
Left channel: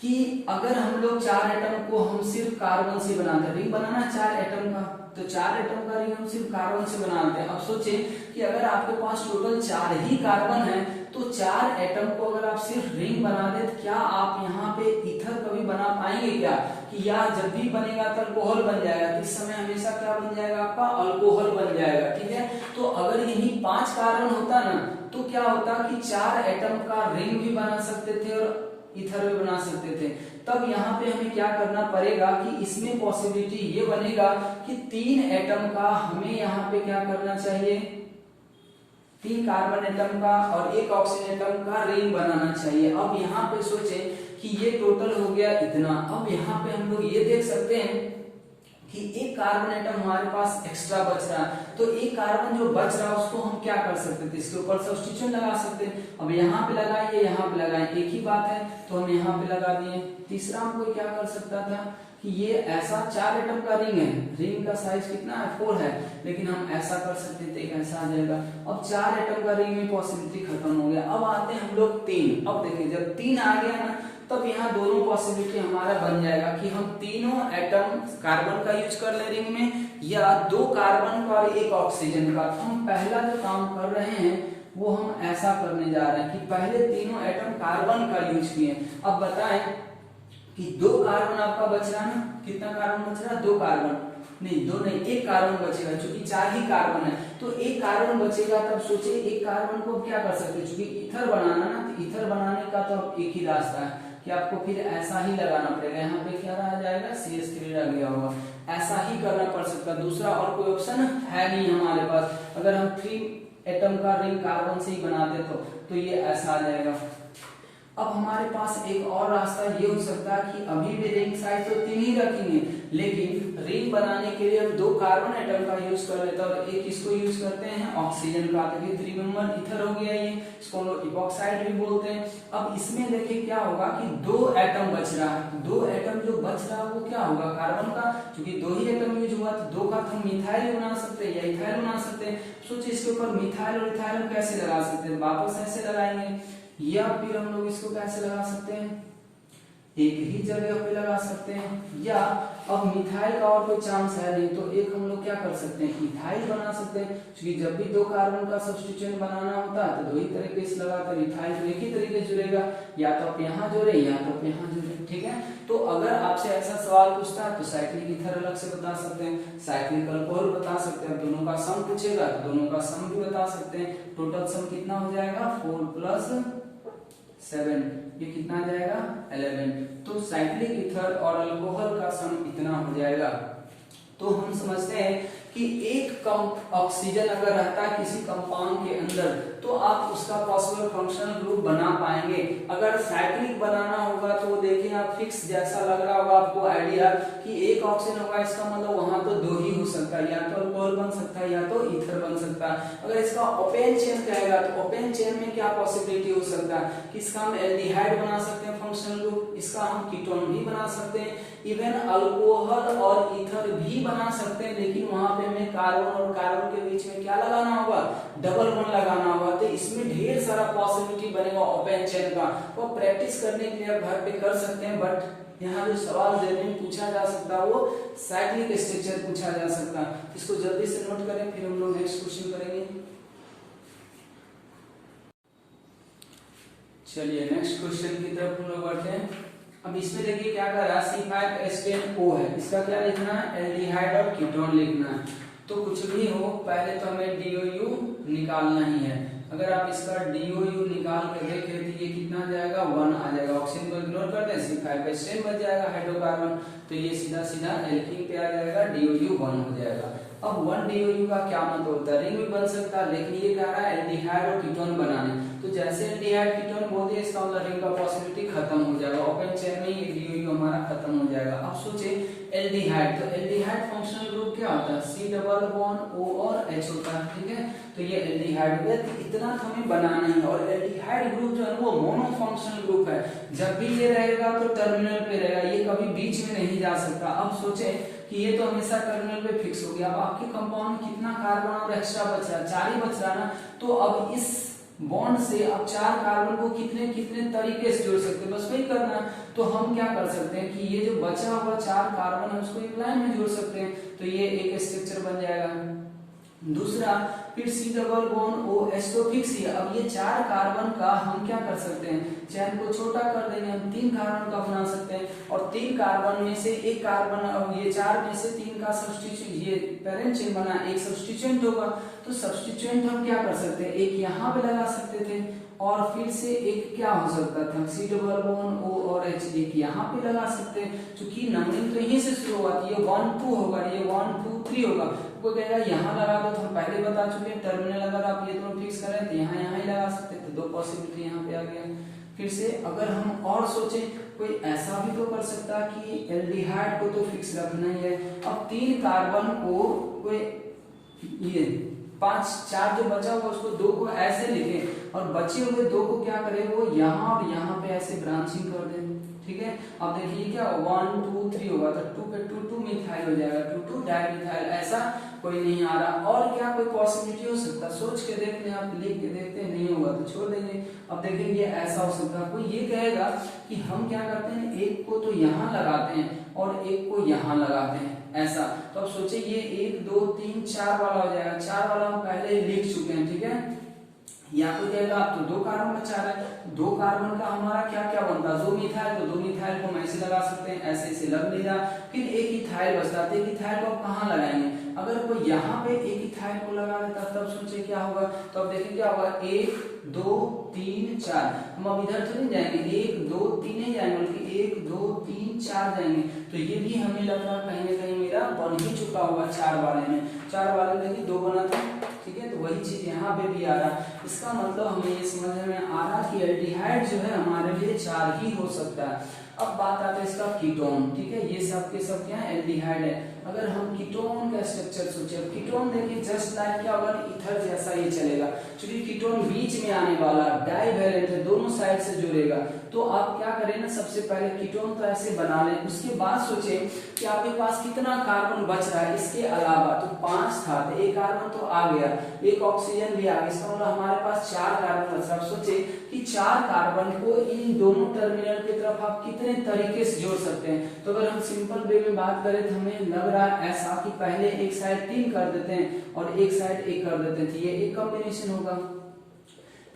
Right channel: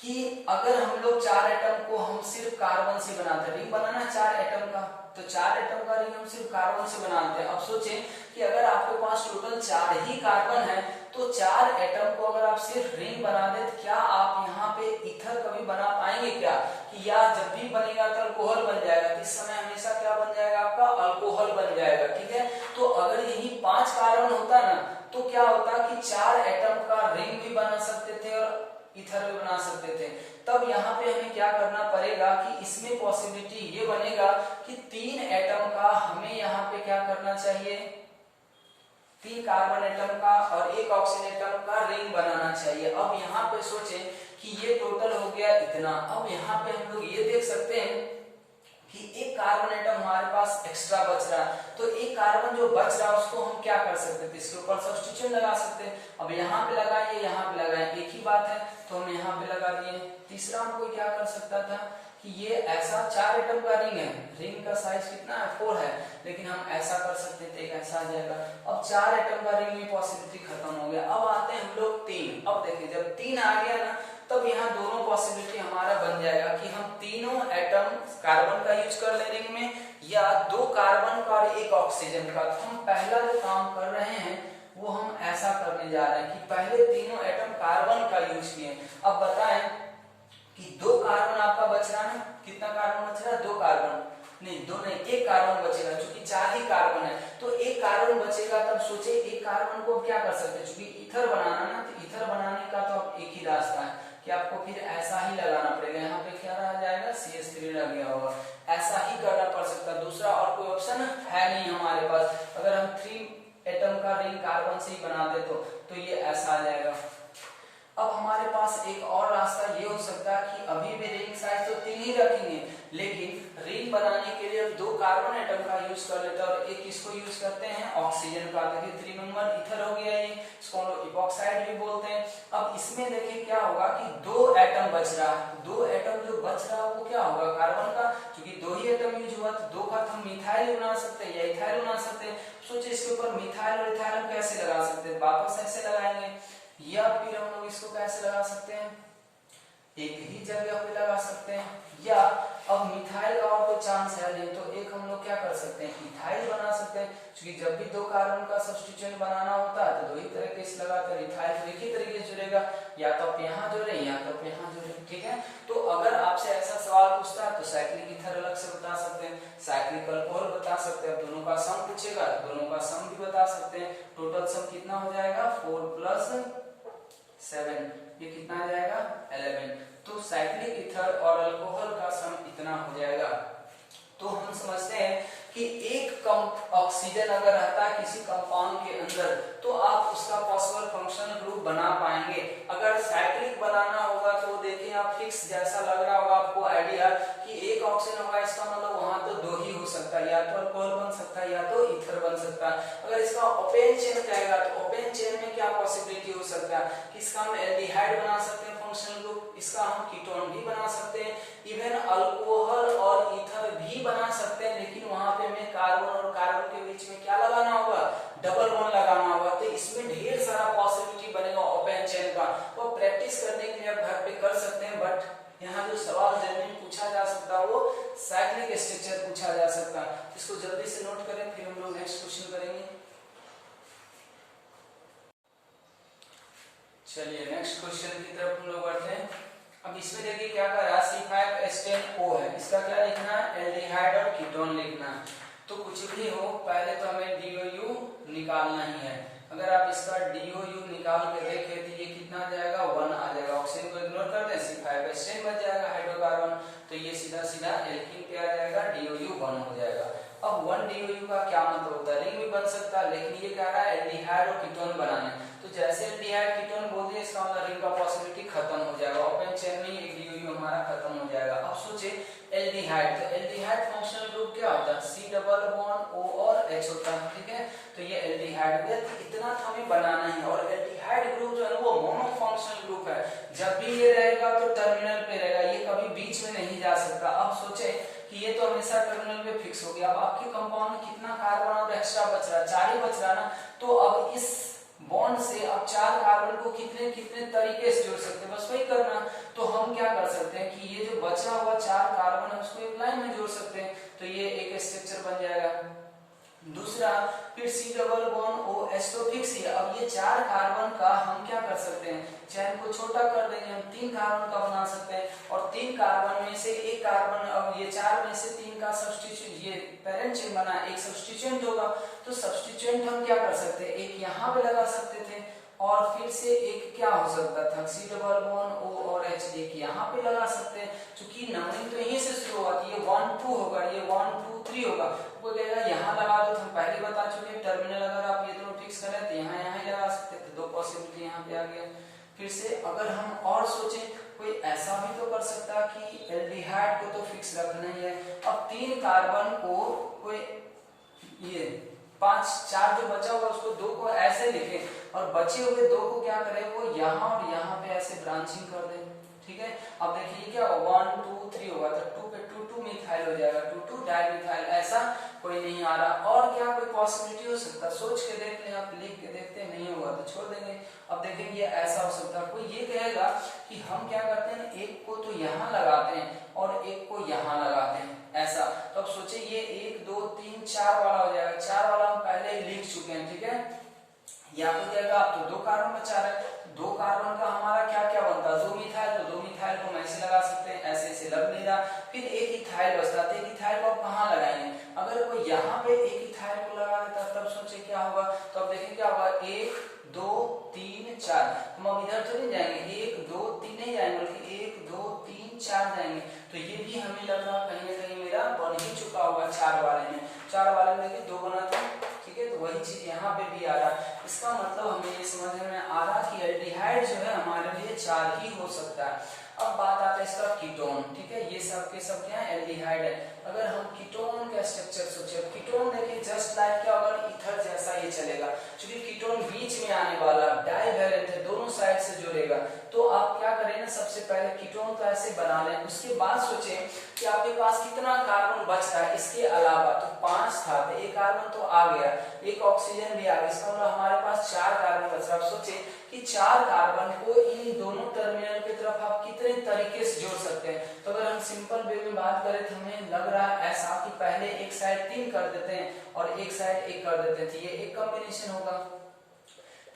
कि अगर हम लोग 4 एटम को हम सिर्फ कार्बन से बनाते हैं, रिंग बनाना 4 एटम का, तो 4 एटम का रिंग हम सिर्फ कार्बन से बनाते हैं। अब सोचें कि अगर आपके पास टोटल 4 ही कार्बन है तो 4 एटम को अगर आप सिर्फ रिंग बना दे तो क्या आप यहाँ पे ईथर कभी बना पाएंगे क्या? कि या जब भी बनेगा तो अल्कोहल बन जाएगा, इस समय हमेशा क्या बन जाएगा आपका? अल्कोहल बन जाएगा। ठीक है, तो अगर यही 5 कार्बन होता ना तो क्या होता कि 4 एटम का रिंग भी बना सकते थे और ईथर भी बना सकते थे। तब यहाँ पे हमें क्या करना पड़ेगा कि इसमें पॉसिबिलिटी ये बनेगा कि 3 एटम का हमें यहाँ पे क्या करना चाहिए? 3 कार्बन एटम का और 1 ऑक्सीजन एटम का रिंग बनाना चाहिए। अब यहाँ पे सोचे कि ये टोटल हो गया इतना। अब यहाँ पे हम लोग ये देख सकते हैं कि एक कार्बन एटम हमारे पास एक्स्ट्रा बच रहा है, तो एक कार्बन जो बच रहा है उसको हम क्या कर सकते थे? इसके ऊपर सब्स्टिट्यूशन लगा सकते हैं। अब यहाँ पे लगाइए, यहाँ पे लगाए, एक ही बात है, तो हम यहाँ पे लगा दिए। तीसरा हम कोई क्या कर सकता था कि ये ऐसा 4 एटम का रिंग है, रिंग का साइज कितना है? 4 है, लेकिन हम ऐसा कर सकते थे, ऐसा आ जाएगा। अब 4 एटम का रिंग में पॉसिबिलिटी खत्म हो गया। अब आते हैं हम लोग 3। अब देखिए जब 3 आ गया ना तब यहाँ दोनों पॉसिबिलिटी हमारा बन जाएगा कि हम तीनों एटम कार्बन का यूज कर ले रिंग में, या 2 कार्बन का और 1 ऑक्सीजन का। तो हम पहला जो काम कर रहे हैं वो हम ऐसा करने जा रहे हैं कि पहले तीनों एटम कार्बन का यूज किए। अब बताएं कि 2 कार्बन आपका बच रहा है, कितना कार्बन बच रहा है? 2 कार्बन नहीं, 2 नहीं, 1 कार्बन बचेगा, क्योंकि 4 ही कार्बन है तो 1 कार्बन बचेगा। तब सोचे 1 कार्बन को क्या कर सकते हैं, क्योंकि ईथर बनाना ना, तो ईथर बनाने का तो अब एक ही रास्ता है कि आपको फिर ऐसा ही लगाना पड़ेगा। यहाँ पे क्या रह जाएगा? CH3 रह गया होगा। ऐसा ही करना पड़ सकता है, दूसरा और कोई ऑप्शन है नहीं हमारे पास। अगर हम 3 एटम का रिंग कार्बन से ही बना दे तो ये ऐसा आ जाएगा। अब हमारे पास एक और रास्ता ये हो सकता है कि अभी भी रिंग साइज तो 3 ही रखेंगे, लेकिन रिंग बनाने के लिए हम 2 कार्बन एटम का यूज कर लेते हैं और एक इसको यूज करते हैं ऑक्सीजन का। देखिए 3 मेंबर ईथर हो गया, ये इसको हम लोग इपॉक्साइड भी बोलते हैं। अब इसमें देखिए क्या होगा कि 2 एटम बच रहा है, 2 एटम जो बच रहा है वो क्या होगा? कार्बन का, क्योंकि 2 ही एटम यूज हुआ तो 2 का तो हम मिथाइल बना सकते हैं या इथाइल बना सकते हैं। सोचिए इसके ऊपर मिथाइल और इथाइल हम कैसे लगा सकते हैं? वापस ऐसे लगाएंगे, या फिर हम लोग इसको कैसे लगा सकते हैं? एक ही जगह पे लगा सकते हैं, या अब मिथाइल का और कोई चांस है नहीं तो एक हम लोग क्या कर सकते हैं? इथाइल बना सकते हैं, क्योंकि जब भी 2 कार्बन का सब्स्टिट्यूशन बनाना होता है तो 2 ही तरीके से लगाकर इथाइल तो एक ही तरीके से जुड़ेगा, या तो आप यहाँ जोड़े या तो आप यहाँ जोड़े। ठीक है, तो अगर आपसे ऐसा सवाल पूछता है तो साइक्लिक ईथर अलग से बता सकते हैं, साइक्लिक अल्कोहल बता सकते हैं। दोनों का सम पूछेगा तो दोनों का सम भी बता सकते हैं। टोटल सम कितना हो जाएगा? 4 + 7, ये कितना आ जाएगा? 11। तो साइक्लिक ईथर और अल्कोहल का सम इतना हो जाएगा। तो हम समझते हैं कि एक कम ऑक्सीजन अगर रहता है किसी कंपाउंड के अंदर तो आप उसका पॉसिबल फंक्शनल ग्रुप बना पाएंगे। अगर साइक्लिक बनाना होगा तो वो देखिए आप फिक्स जैसा लग रहा होगा आपको आइडिया कि एक ऑक्सीजन होगा, इसका मतलब वहां तो 2 ही हो सकता है, या तो अल्कोहल बन सकता है या तो ईथर बन सकता है। अगर इसका ओपन चेन कहेगा तो ओपन चेन में क्या पॉसिबिलिटी हो सकता है कि इसका हम एल्डिहाइड बना सकते हैं फंक्शनल ग्रुप, इसका हम कीटोन भी बना सकते हैं, इवन अल्कोहल और ईथर भी बना सकते हैं। लेकिन वहां पे हमें कार्बन और कार्बन के बीच में क्या लगाना होगा? डबल बॉन्ड लगाना होगा। तो इसमें ढेर सारा पॉसिबिलिटी बनेगा ओपन चेन का। वो प्रैक्टिस करने के लिए आप घर पे कर सकते हैं, बट यहाँ जो सवाल जल्दी पूछा जा सकता है वो साइक्लिक स्ट्रक्चर पूछा जा सकता है। इसको जल्दी से नोट करें, फिर हम लोग नेक्स्ट क्वेश्चन करेंगे। चलिए नेक्स्ट क्वेश्चन की तरफ हम लोग बढ़ते हैं। अब इसमें देखिए क्या कर रहा है, C5H10O है, इसका क्या लिखना है? एल्डिहाइड और कीटोन लिखना है। तो कुछ भी हो पहले तो हमें DOU निकालना ही है। अगर आप इसका DOU निकाल के देखें तो ये कितना आ जाएगा? 1 आ जाएगा। ऑक्सीजन को इग्नोर कर दें, C5H10 बच जाएगा हाइड्रोकार्बन, तो ये सीधा सीधा एल्कीन पे आ जाएगा, DOU 1 हो जाएगा। अब 1 DOU का क्या मतलब होता है? रिंग भी बन सकता है, लेकिन ये कह रहा है एल्डिहाइड और कीटोन बनाने, तो जैसे एल्डिहाइड कीटोन बोलते हैं इसका मतलब रिंग का पॉसिबिलिटी खत्म हो जाएगा, ओपन चेन में एक DOU हमारा खत्म हो जाएगा। अब सोचे एल्डिहाइड, तो एल्डिहाइड फंक्शनल ग्रुप क्या होता है? C डबल बॉन्ड O और H होता है। ठीक है, तो ये एल्डिहाइड हो गया। इतना तो हमें बनाना है। और एल्डिहाइड ग्रुप जो है वो मोनो फंक्शनल ग्रुप है, जब भी ये रहेगा तो टर्मिनल पे रहेगा, ये कभी बीच में नहीं जा सकता। अब सोचे कि ये तो हमेशा टर्मिनल पे फिक्स हो गया। अब आपके कंपाउंड में कितना कार्बन और एक्स्ट्रा बच रहा है? 4 ही बच रहा है ना। तो अब इस बॉन्ड से आप 4 कार्बन को कितने कितने तरीके से जोड़ सकते हैं, बस वही करना। तो हम क्या कर सकते हैं कि ये जो बचा हुआ 4 कार्बन है उसको एक लाइन में जोड़ सकते हैं, तो ये एक स्ट्रक्चर बन जाएगा। दूसरा फिर C डबल बॉन्ड OH तो फिक्स ही है। अब ये 4 कार्बन का हम क्या कर सकते हैं, चेन को छोटा कर देंगे, हम 3 कार्बन का बना सकते हैं और 3 कार्बन में से एक कार्बन, अब ये 4 में से 3 का सब्स्टिट्यूट, ये पेरेंट चेन बना, एक सब्स्टिट्यूएंट होगा, तो सब्स्टिट्यूएंट हम क्या कर सकते हैं, एक यहाँ पे लगा सकते थे और फिर से एक क्या हो सकता था, C डबल बॉन्ड O और H, एक यहाँ पे लगा सकते हैं, क्योंकि नंबरिंग तो यहीं से शुरू होगा, ये 1 2 होगा, ये 1 2 3 होगा, कोई कहेगा यहाँ लगा दो, तो हम पहले बता चुके हैं टर्मिनल अगर आप ये दोनों फिक्स करें तो यहाँ ही लगा सकते थे, 2 पॉसिबिलिटी यहाँ पे आ गया। फिर से अगर हम और सोचें, कोई ऐसा भी तो कर सकता है कि एल्डिहाइड को तो फिक्स रखना ही है। अब 3 कार्बन को कोई ये 5 4 जो बचा होगा उसको 2 को ऐसे लिखे और बचे हुए 2 को क्या करें, वो यहाँ और यहाँ पे ऐसे ब्रांचिंग कर दें, ठीक है। अब देखिए क्या 1 2 3 होगा, तो 2 पे 2 2 मिथाइल हो जाएगा, 2 2 डाइमिथाइल, ऐसा कोई नहीं आ रहा। और क्या कोई पॉसिबिलिटी हो सकता, सोच के देखते हैं, आप लिख के देखते हैं, नहीं होगा तो छोड़ देंगे। अब देखेंगे ऐसा हो सकता है, कोई ये कहेगा कि हम क्या करते हैं, एक को तो यहाँ लगाते हैं और एक को यहाँ लगाते हैं, ऐसा। तो अब सोचिए ये 1 2 3 4 वाला हो जाएगा, 4 वाला हम पहले ही लिख चुके हैं, ठीक है। या तो कहेगा आप तो 2 कार्बन बचा रहे हैं, 2 कार्बन का हमारा क्या क्या बनता है, 2 मिथाइल, तो 2 मिथाइल को हम ऐसे लगा सकते हैं, ऐसे ऐसे लग नहीं रहा। फिर एक इथाइल बचता है, एक इथाइल को आप कहाँ लगाएंगे, अगर कोई यहाँ पे एक इथाइल को लगा देता तब सोचे क्या होगा, तो अब देखिए क्या होगा, 1 2 3 4, हम अब इधर तो नहीं जाएंगे, 1 2 3 नहीं जाएंगे बल्कि 1 2 3 4 जाएंगे, तो ये भी हमें लग रहा कहीं ना कहीं मेरा बन ही चुका होगा 4 वाले में। 4 वाले में देखिए 2 बना था, ठीक है, तो वही चीज यहाँ पे भी आ रहा। इसका मतलब हमें ये समझ में आ रहा कि एल्डिहाइड जो है हमारे लिए 4 ही हो सकता है। अब बात आता है इसका कीटोन, ठीक है, ये सब के सब क्या है, एल्डिहाइड है। अगर हम कीटोन का स्ट्रक्चर सोचे, कीटोन देखिए जस्ट लाइक क्या होगा, ईथर जैसा ये चलेगा, क्योंकि कीटोन बीच में आने वाला, डाइवैलेंट है, दोनों साइड से जुड़ेगा। तो आप क्या करें ना, सबसे पहले कीटोन तो ऐसे बना लें, उसके बाद सोचे कि आपके पास कितना कार्बन बच रहा है इसके अलावा, तो 5 था, तो एक कार्बन तो आ गया, एक ऑक्सीजन भी आ गया, इसका मतलब हमारे पास 4 कार्बन बच रहा है। सोचे कि 4 कार्बन को इन दोनों टर्मिनल की तरफ आप कितने तरीके से जोड़ सकते हैं। तो अगर हम सिंपल वे में बात करें तो हमें लग रहा है ऐसा कि पहले एक साइड 3 कर देते हैं और एक साइड 1 कर देते हैं, ये एक कॉम्बिनेशन होगा।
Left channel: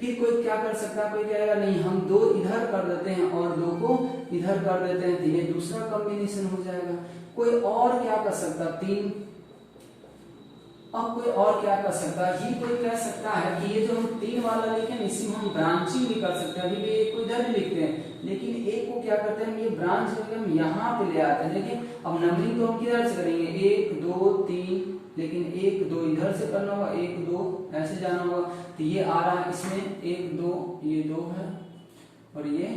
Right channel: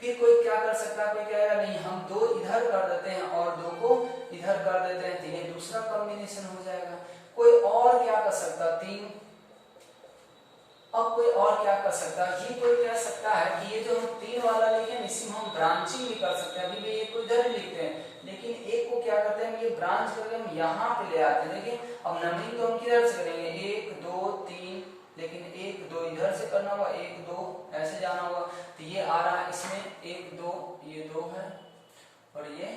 फिर कोई क्या कर सकता है, कोई कहेगा नहीं हम 2 इधर कर देते हैं और 2 को इधर कर देते हैं, तो ये दूसरा कॉम्बिनेशन हो जाएगा। कोई और क्या कर सकता, 3। अब कोई और क्या कर सकता है, ये कोई कह सकता है कि ये जो हम 3 वाला लिखे हैं इसी में हम ब्रांचिंग भी कर सकते हैं, अभी भी एक को इधर ही लिखते हैं, लेकिन एक को क्या करते हैं, ये ब्रांच करके हम यहाँ पे ले आते हैं। देखिए अब नंबरिंग तो हम किधर से करेंगे, 1 2 3, लेकिन 1 2 इधर से करना होगा, 1 2 ऐसे जाना होगा, तो ये आ रहा है इसमें 1 2, ये 2 है और ये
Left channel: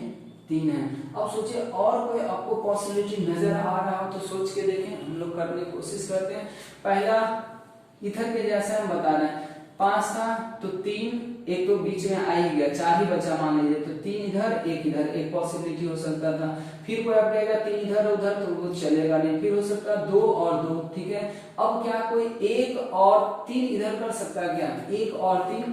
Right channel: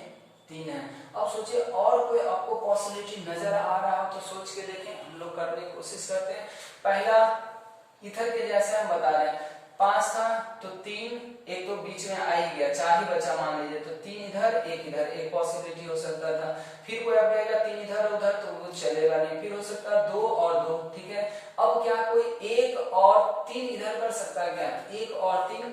3 है। अब सोचिए और कोई आपको पॉसिबिलिटी नजर आ रहा हो तो सोच के देखें, हम लोग करने की कोशिश करते हैं। पहला इथर के जैसा हम बता रहे हैं, 5 था तो 3, एक तो बीच में आ ही गया, 4 ही बचा मान लीजिए, तो 3 इधर 1 इधर, एक पॉसिबिलिटी हो सकता था। फिर कोई आप कहेगा 3 इधर उधर, तो वो चलेगा नहीं, फिर हो सकता है 2 और 2, ठीक है। अब क्या कोई 1 और 3 इधर कर सकता है क्या, 1 और 3,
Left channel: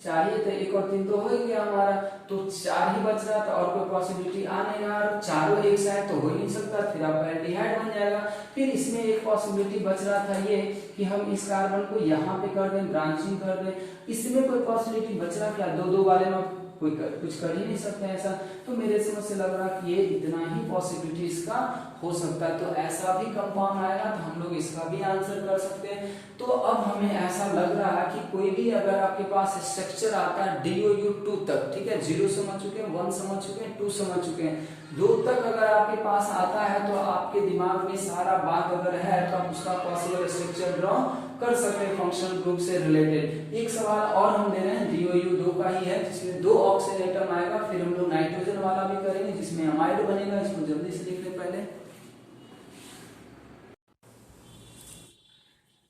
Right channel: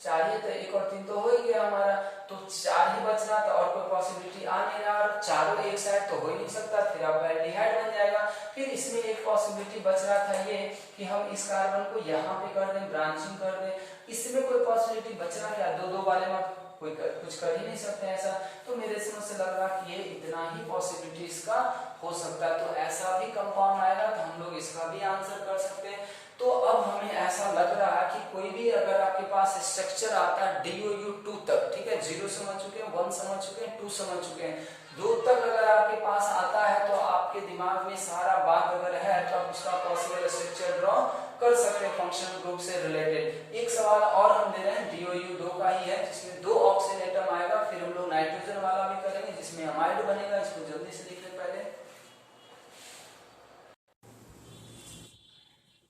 4 ही तो 1 और 3 तो हो ही गया हमारा, तो 4 ही बच रहा था और कोई पॉसिबिलिटी आ नहीं रहा, चारों एक साइड तो हो ही नहीं सकता, फिर आपका एल्डिहाइड बन जाएगा। फिर इसमें एक पॉसिबिलिटी बच रहा था ये कि हम इस कार्बन को यहाँ पे कर दें, ब्रांचिंग कर दें, इसमें कोई पॉसिबिलिटी बच रहा क्या, 2 2 वाले में कोई कुछ कर ही नहीं सकते ऐसा। तो मेरे समझ से लग रहा कि ये इतना ही पॉसिबिलिटी इसका हो सकता है, तो ऐसा भी कंपाउंड आएगा तो हम लोग इसका भी आंसर कर सकते हैं। तो अब हमें ऐसा लग रहा है कि कोई भी अगर आपके पास स्ट्रक्चर आता है DOU2 तक, ठीक है, 0 समझ चुके हैं, 1 समझ चुके हैं, 2 समझ चुके हैं, 2 तक अगर आपके पास आता है तो आपके दिमाग में सारा बात अगर है तो आप उसका पॉसिबल स्ट्रक्चर ड्रॉ कर सकते हैं फंक्शनल ग्रुप से रिलेटेड। एक सवाल और हम दे रहे हैं DOU2 का ही है, जिसमें 2 ऑक्सीजन एटम आएगा, फिर हम लोग नाइट्रोजन वाला भी करेंगे जिसमें अमाइड बनेगा, इसको जल्दी से लिख ले पहले।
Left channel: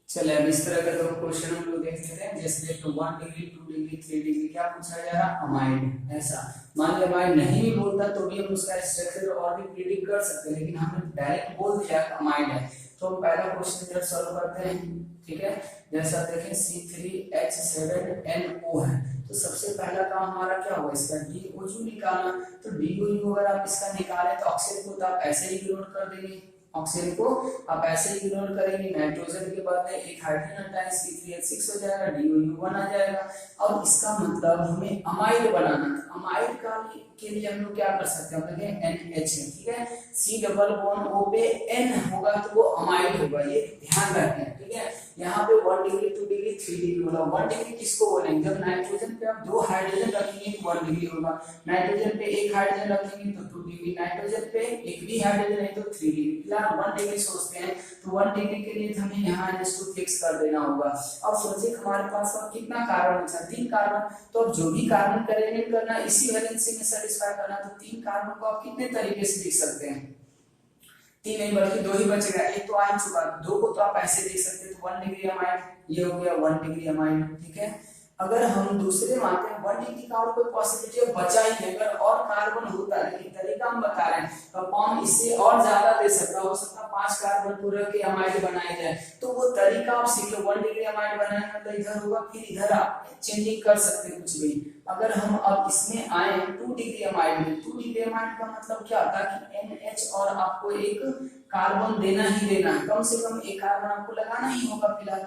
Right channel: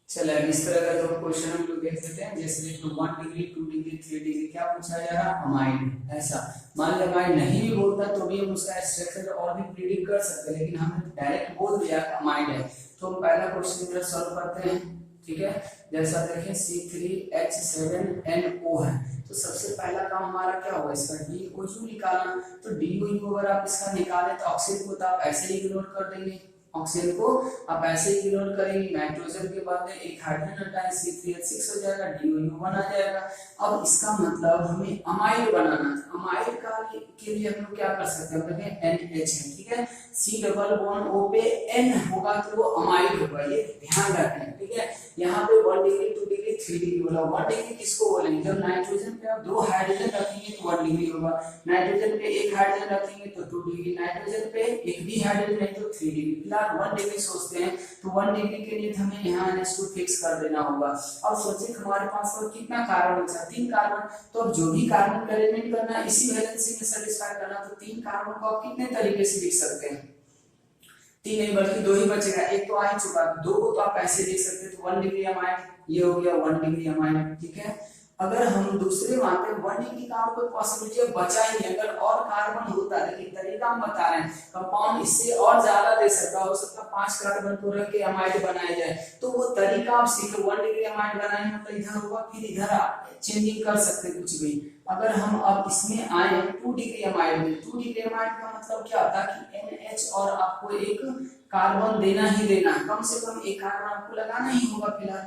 चले अब इस तरह का तो क्वेश्चन हम लोग देख सकते हैं, जैसे 1 डिग्री 2 डिग्री 3 डिग्री क्या पूछा जा रहा, अमाइड। ऐसा मान ली अमाइड नहीं भी बोलता तो भी हम उसका स्ट्रक्चर और भी प्रिडिक्ट कर सकते हैं, लेकिन हमने डायरेक्ट बोल दिया अमाइड है। तो हम पहला क्वेश्चन इधर सॉल्व करते हैं, ठीक है। जैसा देखें C3H7NO है, तो सबसे पहला काम हमारा क्या होगा, इसका DOU निकालना। तो DOU अगर आप इसका निकालें तो ऑक्सीजन को तो आप ऐसे ही इग्नोर कर देंगे, ऑक्सीजन को आप ऐसे ही इग्नोर करेंगे, नाइट्रोजन के बाद में एक हाइड्रोजन हटाएं, C3H6 हो जाएगा, DOU1 आ जाएगा। अब इसका मतलब हमें अमाइड बनाना है। अमाइड का के लिए हम लोग क्या कर सकते हैं, देखें NH है, ठीक है, C डबल बॉन्ड O पे N होगा तो वो अमाइड होगा, ये ध्यान रखें, ठीक है। यहाँ पे 1 डिग्री 2 डिग्री 3 डिग्री बोला। 1 डिग्री किसको बोलेंगे, जब नाइट्रोजन पे आप 2 हाइड्रोजन रखेंगे तो 1 डिग्री होगा, नाइट्रोजन पे 1 हाइड्रोजन रखेंगे तो 2 डिग्री, नाइट्रोजन पे एक भी हाइड्रोजन नहीं तो 3 डिग्री। फिलहाल 1 डिग्री सोचते हैं तो 1 डिग्री के लिए हमें यहाँ NH2 फिक्स कर देना होगा। अब सोचिए हमारे पास और कितना कार्बन बचा, 3 कार्बन। तो अब जो भी कार्बन का एलिमेंट करना इसी वैलेंसी में सेटिस्फाई करना, तो 3 कार्बन को आप कितने तरीके से लिख सकते हैं, 3 नहीं बल्कि 2 ही बचेगा, एक तो आ ही चुका, 2 को तो आप ऐसे लिख सकते हैं, तो 1 डिग्री अमाइड, ये हो गया 1 डिग्री अमाइड, ठीक है। अगर हम दूसरे मानते हैं 1 डिग्री का और कोई पॉसिबिलिटी बचा ही नहीं, अगर और कार्बन होता है, लेकिन तरीका हम बता रहे हैं, कंपाउंड इससे और ज्यादा दे सकता, हो सकता 5 कार्बन को रख के अमाइड बनाया जाए, तो वो तरीका आप सीखे। 1 डिग्री अमाइड बनाएंगे तो इधर होगा, फिर इधर आप चेंजिंग कर सकते हैं कुछ भी। अगर हम अब इसमें आए 2 डिग्री अमाइड में, 2 डिग्री अमाइड का मतलब क्या होता है कि NH और आपको एक कार्बन देना ही देना, कम से कम एक कार्बन आपको लगाना ही होगा फिलहाल।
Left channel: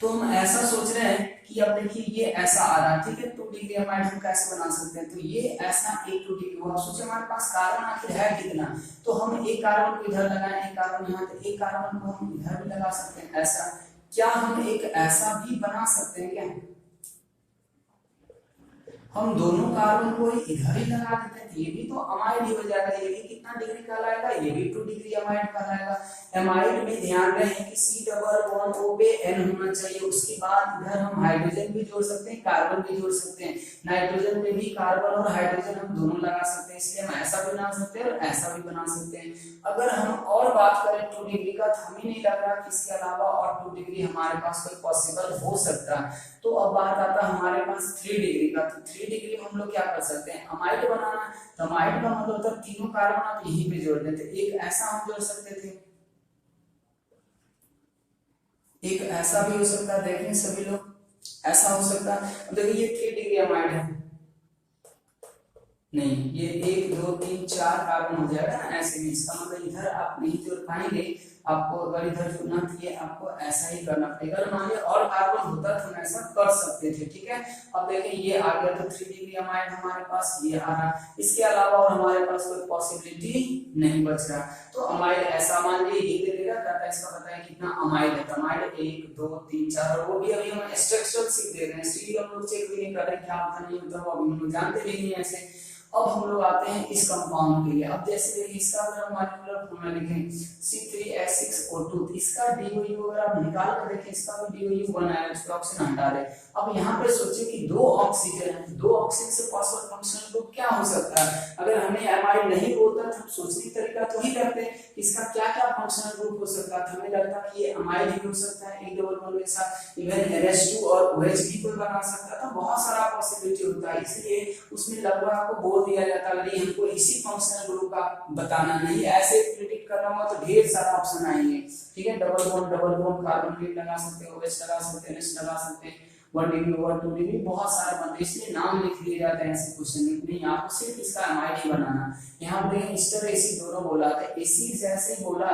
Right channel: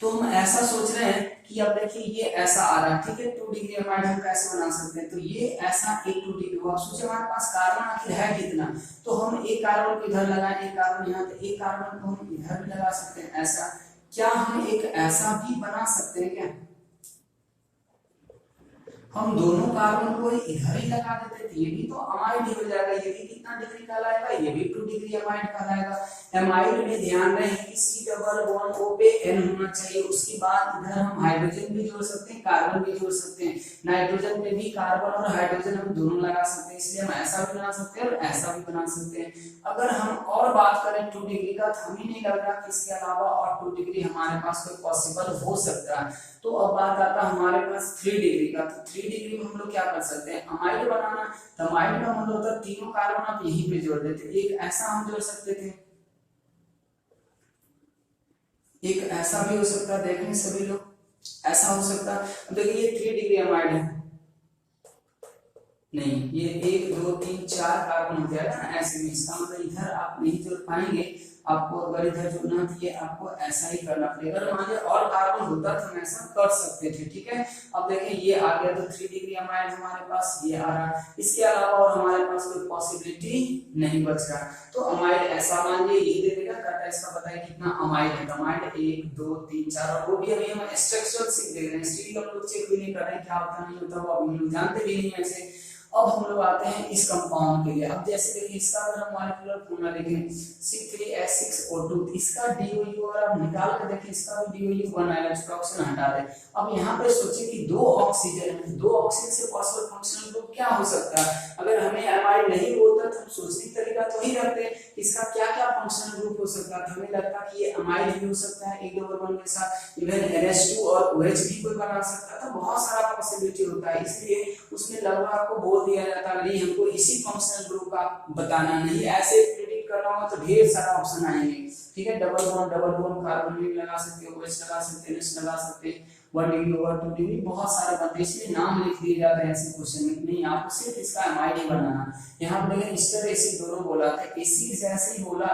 तो हम ऐसा सोच रहे हैं कि अब देखिए ये ऐसा आ रहा है, ठीक है, 2 डिग्री अमाइड हम कैसे बना सकते हैं, तो ये ऐसा एक 2 डिग्री हुआ। सोचे हमारे पास कार्बन आखिर है कितना, तो हम एक कार्बन को इधर लगाएं, एक कार्बन यहाँ, तो एक कार्बन को हम इधर भी लगा सकते हैं। ऐसा क्या हम एक ऐसा भी बना सकते हैं क्या, हम दोनों कार्बन को इधर ही लगा देते हैं, ये भी तो अमाइड ही हो जाएगा, ये भी कितना डिग्री कहलाएगा, ये भी 2 डिग्री अमाइड कहलाएगा। अमाइड में ध्यान रहे कि C डबल बॉन्ड O पे N होना चाहिए, उसके बाद इधर हम हाइड्रोजन भी जोड़ सकते हैं, कार्बन भी जोड़ सकते हैं, नाइट्रोजन में भी कार्बन और हाइड्रोजन हम दोनों लगा सकते हैं, इसलिए हम ऐसा भी बना सकते हैं और ऐसा भी बना सकते हैं। अगर हम और बात करें 2 डिग्री का, तो हमें नहीं लग रहा कि इसके अलावा और 2 डिग्री हमारे पास कोई पॉसिबल हो सकता है। तो अब बात आता है हमारे पास 3 डिग्री का, तो 3 डिग्री में हम लोग क्या कर सकते हैं, अमाइड बनाना। तो अमाइड का मतलब होता है तीनों कार्बन आप यहीं पे जोड़ देते, एक ऐसा हम जोड़ सकते थे, एक ऐसा भी हो सकता है, देखें सभी लोग ऐसा हो सकता है। देखिए ये 3 डिग्री अमाइड है, नहीं ये 1 2 3 4 कार्बन हो जाएगा ना ऐसे में, इसका मतलब इधर आप नहीं जोड़ पाएंगे, आपको अगर इधर जोड़ना तो ये आपको ऐसा ही करना पड़ेगा। अगर मान लीजिए और कार्बन होता तो हम ऐसा कर सकते थे, ठीक है। अब देखें ये आ गया, तो 3 डिग्री अमाइड हमारे पास ये आ रहा, इसके अलावा और हमारे पास कोई पॉसिबिलिटी नहीं बच रहा। तो अमाइड ऐसा मान लीजिए ये दे देगा, कहता है इसका बताइए कितना अमाइड है, अमाइड 1 2 3 4, और वो भी अभी हम स्ट्रक्चर सीख दे रहे हैं, इसलिए हम लोग चेक भी नहीं कर रहे क्या होता नहीं होता, वो अभी हम लोग जानते भी नहीं ऐसे। अब हम लोग आते हैं इस कंपाउंड के लिए। अब जैसे देखिए इसका अगर हम मॉलिक्यूलर फॉर्मूला लिखें C3H6O2, इसका DOU अगर आप निकाल कर देखें, इसका भी DOU1 आएगा, इसका ऑक्सीजन हटा दे। अब यहाँ पे सोचिए कि 2 ऑक्सीजन है, 2 ऑक्सीजन से पॉसिबल फंक्शनल ग्रुप क्या हो सकता है। अगर हमें अमाइड नहीं बोलता तो सोचने का तरीका तो ही रखते इसका क्या क्या फंक्शनल ग्रुप हो सकता है, हमें लगता है कि ये अमाइड भी हो सकता है, एक डबल बॉन्ड के साथ इवन NH2 और OH भी कोई बना सकता था, बहुत सारा पॉसिबिलिटी होता है, इसलिए उसमें लगभग आपको बोल दिया जाता है नहीं हमको इसी फंक्शनल ग्रुप का बताना, नहीं ऐसे प्रेडिक्ट करना हो तो ढेर सारा ऑप्शन आएंगे, ठीक है। डबल बॉन्ड कार्बन भी लगा सकते हैं, OH लगा सकते हैं, NH लगा सकते हैं, 1 डिग्री ओवर 2 डिग्री, बहुत सारे बनते हैं, इसमें नाम लिख दिए जाते हैं ऐसे क्वेश्चन में, नहीं आपको सिर्फ इसका अमाइड ही बनाना। यहाँ पर देखिए एस्टर एसिड दोनों बोला था, एसिड जैसे ही बोला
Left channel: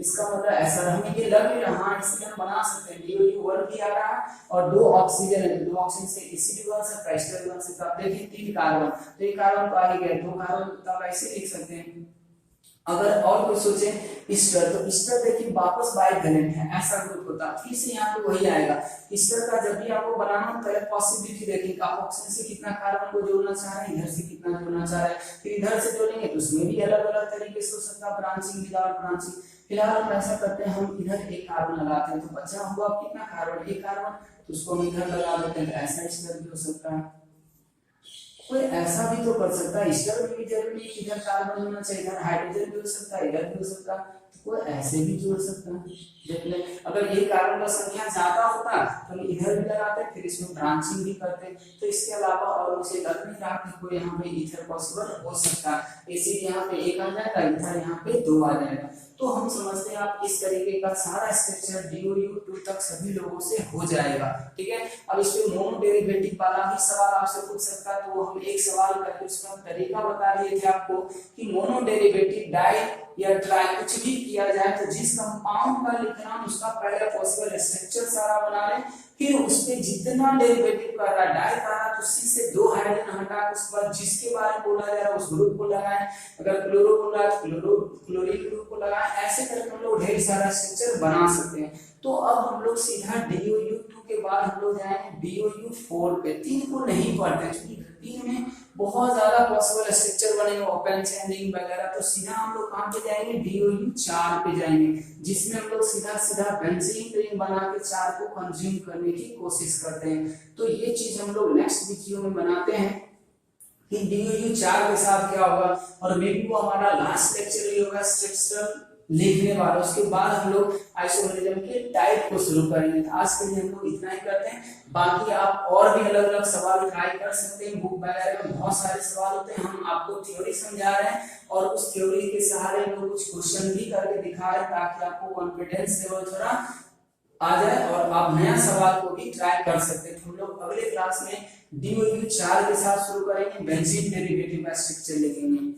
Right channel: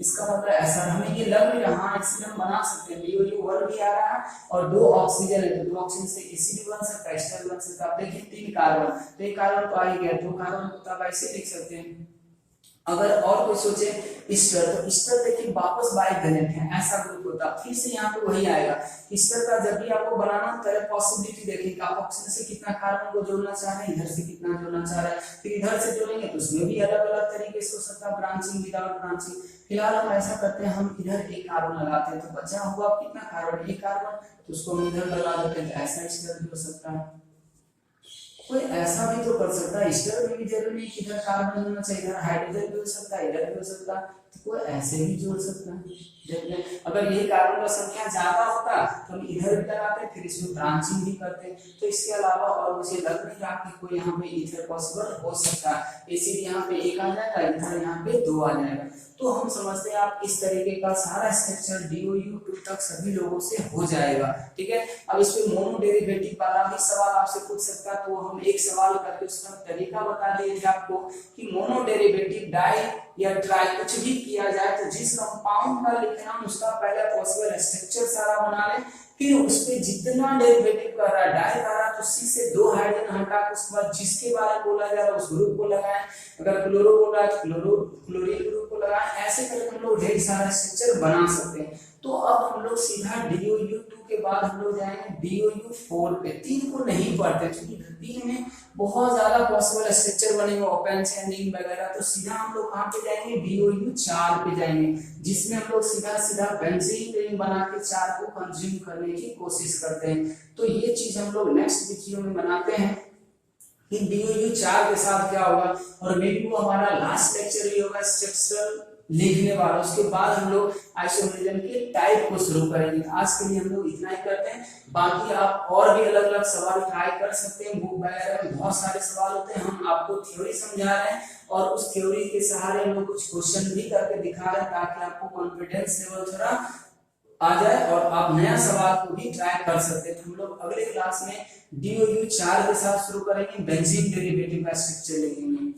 इसका मतलब ऐसा हमें ये लग भी रहा है, एसिड हम बना सकते हैं, DOU1 भी आ रहा है और 2 ऑक्सीजन है, 2 ऑक्सीजन से एसिड भी बन सकता है, एस्टर भी बन सकता है। देखिए 3 कार्बन, तो एक कार्बन तो आ ही गया, 2 कार्बन को आप ऐसे लिख सकते हैं। अगर और कोई सोचे ईस्टर, तो ईस्टर देखिए वापस बाइवेलेंट है, ऐसा ग्रुप होता, फिर से यहाँ पे वही आएगा। ईस्टर का जब भी आपको बनाना हो पहले पॉसिबिलिटी देखेंगे आप ऑक्सीजन से कितना कार्बन को जोड़ना चाह रहे हैं, इधर से कितना जोड़ना चाह रहे हैं, फिर इधर से जोड़ेंगे तो उसमें भी अलग अलग तरीके से हो सकता है, ब्रांचिंग विदाउट ब्रांचिंग। फिलहाल हम ऐसा करते हैं, हम इधर एक कार्बन लगाते हैं, तो बचा हुआ कितना कार्बन, एक कार्बन, तो उसको हम इधर लगा देते हैं, तो ऐसा ईस्टर भी हो सकता है। कोई ऐसा भी तो कर सकता है, ईस्टर में भी जरूरी नहीं कि इधर कार्बन होना चाहिए, इधर हाइड्रोजन भी हो सकता है, इधर भी हो सकता है, तो कोई ऐसे भी जोड़ सकता है। देख ले अगर ये कार्बन का संख्या ज्यादा होता तो हम इधर भी लगाते, फिर इसमें ब्रांचिंग भी करते। तो इसके अलावा और मुझे लग नहीं रहा कि कोई यहाँ पे इथर पॉसिबल हो सकता है। एसिड यहाँ पे 1 आ जाएगा, इथर यहाँ पे 2 आ जाएगा। तो हम समझते हैं आप इस तरीके का सारा स्ट्रक्चर DOU2 तक सभी लोगों से हो जाएगा, ठीक है। अब इस पे मोनो डेरिवेटिव वाला भी सवाल आपसे पूछ सकता है, तो हम एक सवाल करके उसका तरीका बता दिए थे आपको कि मोनो डेरिवेटिव डाई या ट्राई कुछ भी किया जाए तो जिस कंपाउंड का लिखना उसका पहले पॉसिबल स्ट्रक्चर सारा बना ले, फिर उस पे जितना डेरिवेटिव कर रहा है डाई कर रहा है तो सी से 2 हाइड्रोजन हटा के उसके बाद जिसके बारे में बोला जा रहा है उस ग्रुप को लगाएं, अगर क्लोरो बोल रहा है तो क्लोरीन ग्रुप को लगाएं। ऐसे करके हम लोग ढेर सारा स्ट्रक्चर बना सकते हैं। तो अब हम लोग सीधा DOU2 के बाद हम लोग जाएंगे DOU4 पे। 3 को नहीं पढ़ते क्योंकि 3 में बहुत ज्यादा पॉसिबल स्ट्रक्चर बनेंगे, ओपन चेनिंग वगैरह। तो सीधा हम लोग कहाँ पे जाएंगे, DOU4 पे जाएंगे, जिसमें हम लोग सीधा बेंजीन रिंग बना के 4 को कंज्यूम करने की कोशिश करते हैं। तो ये चीज हम लोग नेक्स्ट वीडियो में बनाते हैं कि DOU4 के साथ क्या होगा, और मे बी वो हमारा लास्ट लेक्चर ही होगा स्ट्रक्चरल लिखने वाला। उसके बाद हम लोग आइसोमेरिज्म के टाइप को शुरू करेंगे। तो आज के लिए हम लोग इतना ही करते हैं, बाकी आप और भी अलग अलग सवाल ट्राई कर सकते हैं। बुक वगैरह में बहुत सारे सवाल होते हैं, हम आपको थ्योरी समझा रहे हैं और उस थ्योरी के सहारे हम लोग कुछ क्वेश्चन भी करके दिखा रहे हैं ताकि आपको कॉन्फिडेंस लेवल थोड़ा आ जाए और आप नया सवाल को भी ट्राई कर सकते हैं। तो हम लोग अगले क्लास में DOU4 के साथ शुरू करेंगे, बेंजीन डेरिवेटिव का स्ट्रक्चर लिखेंगे।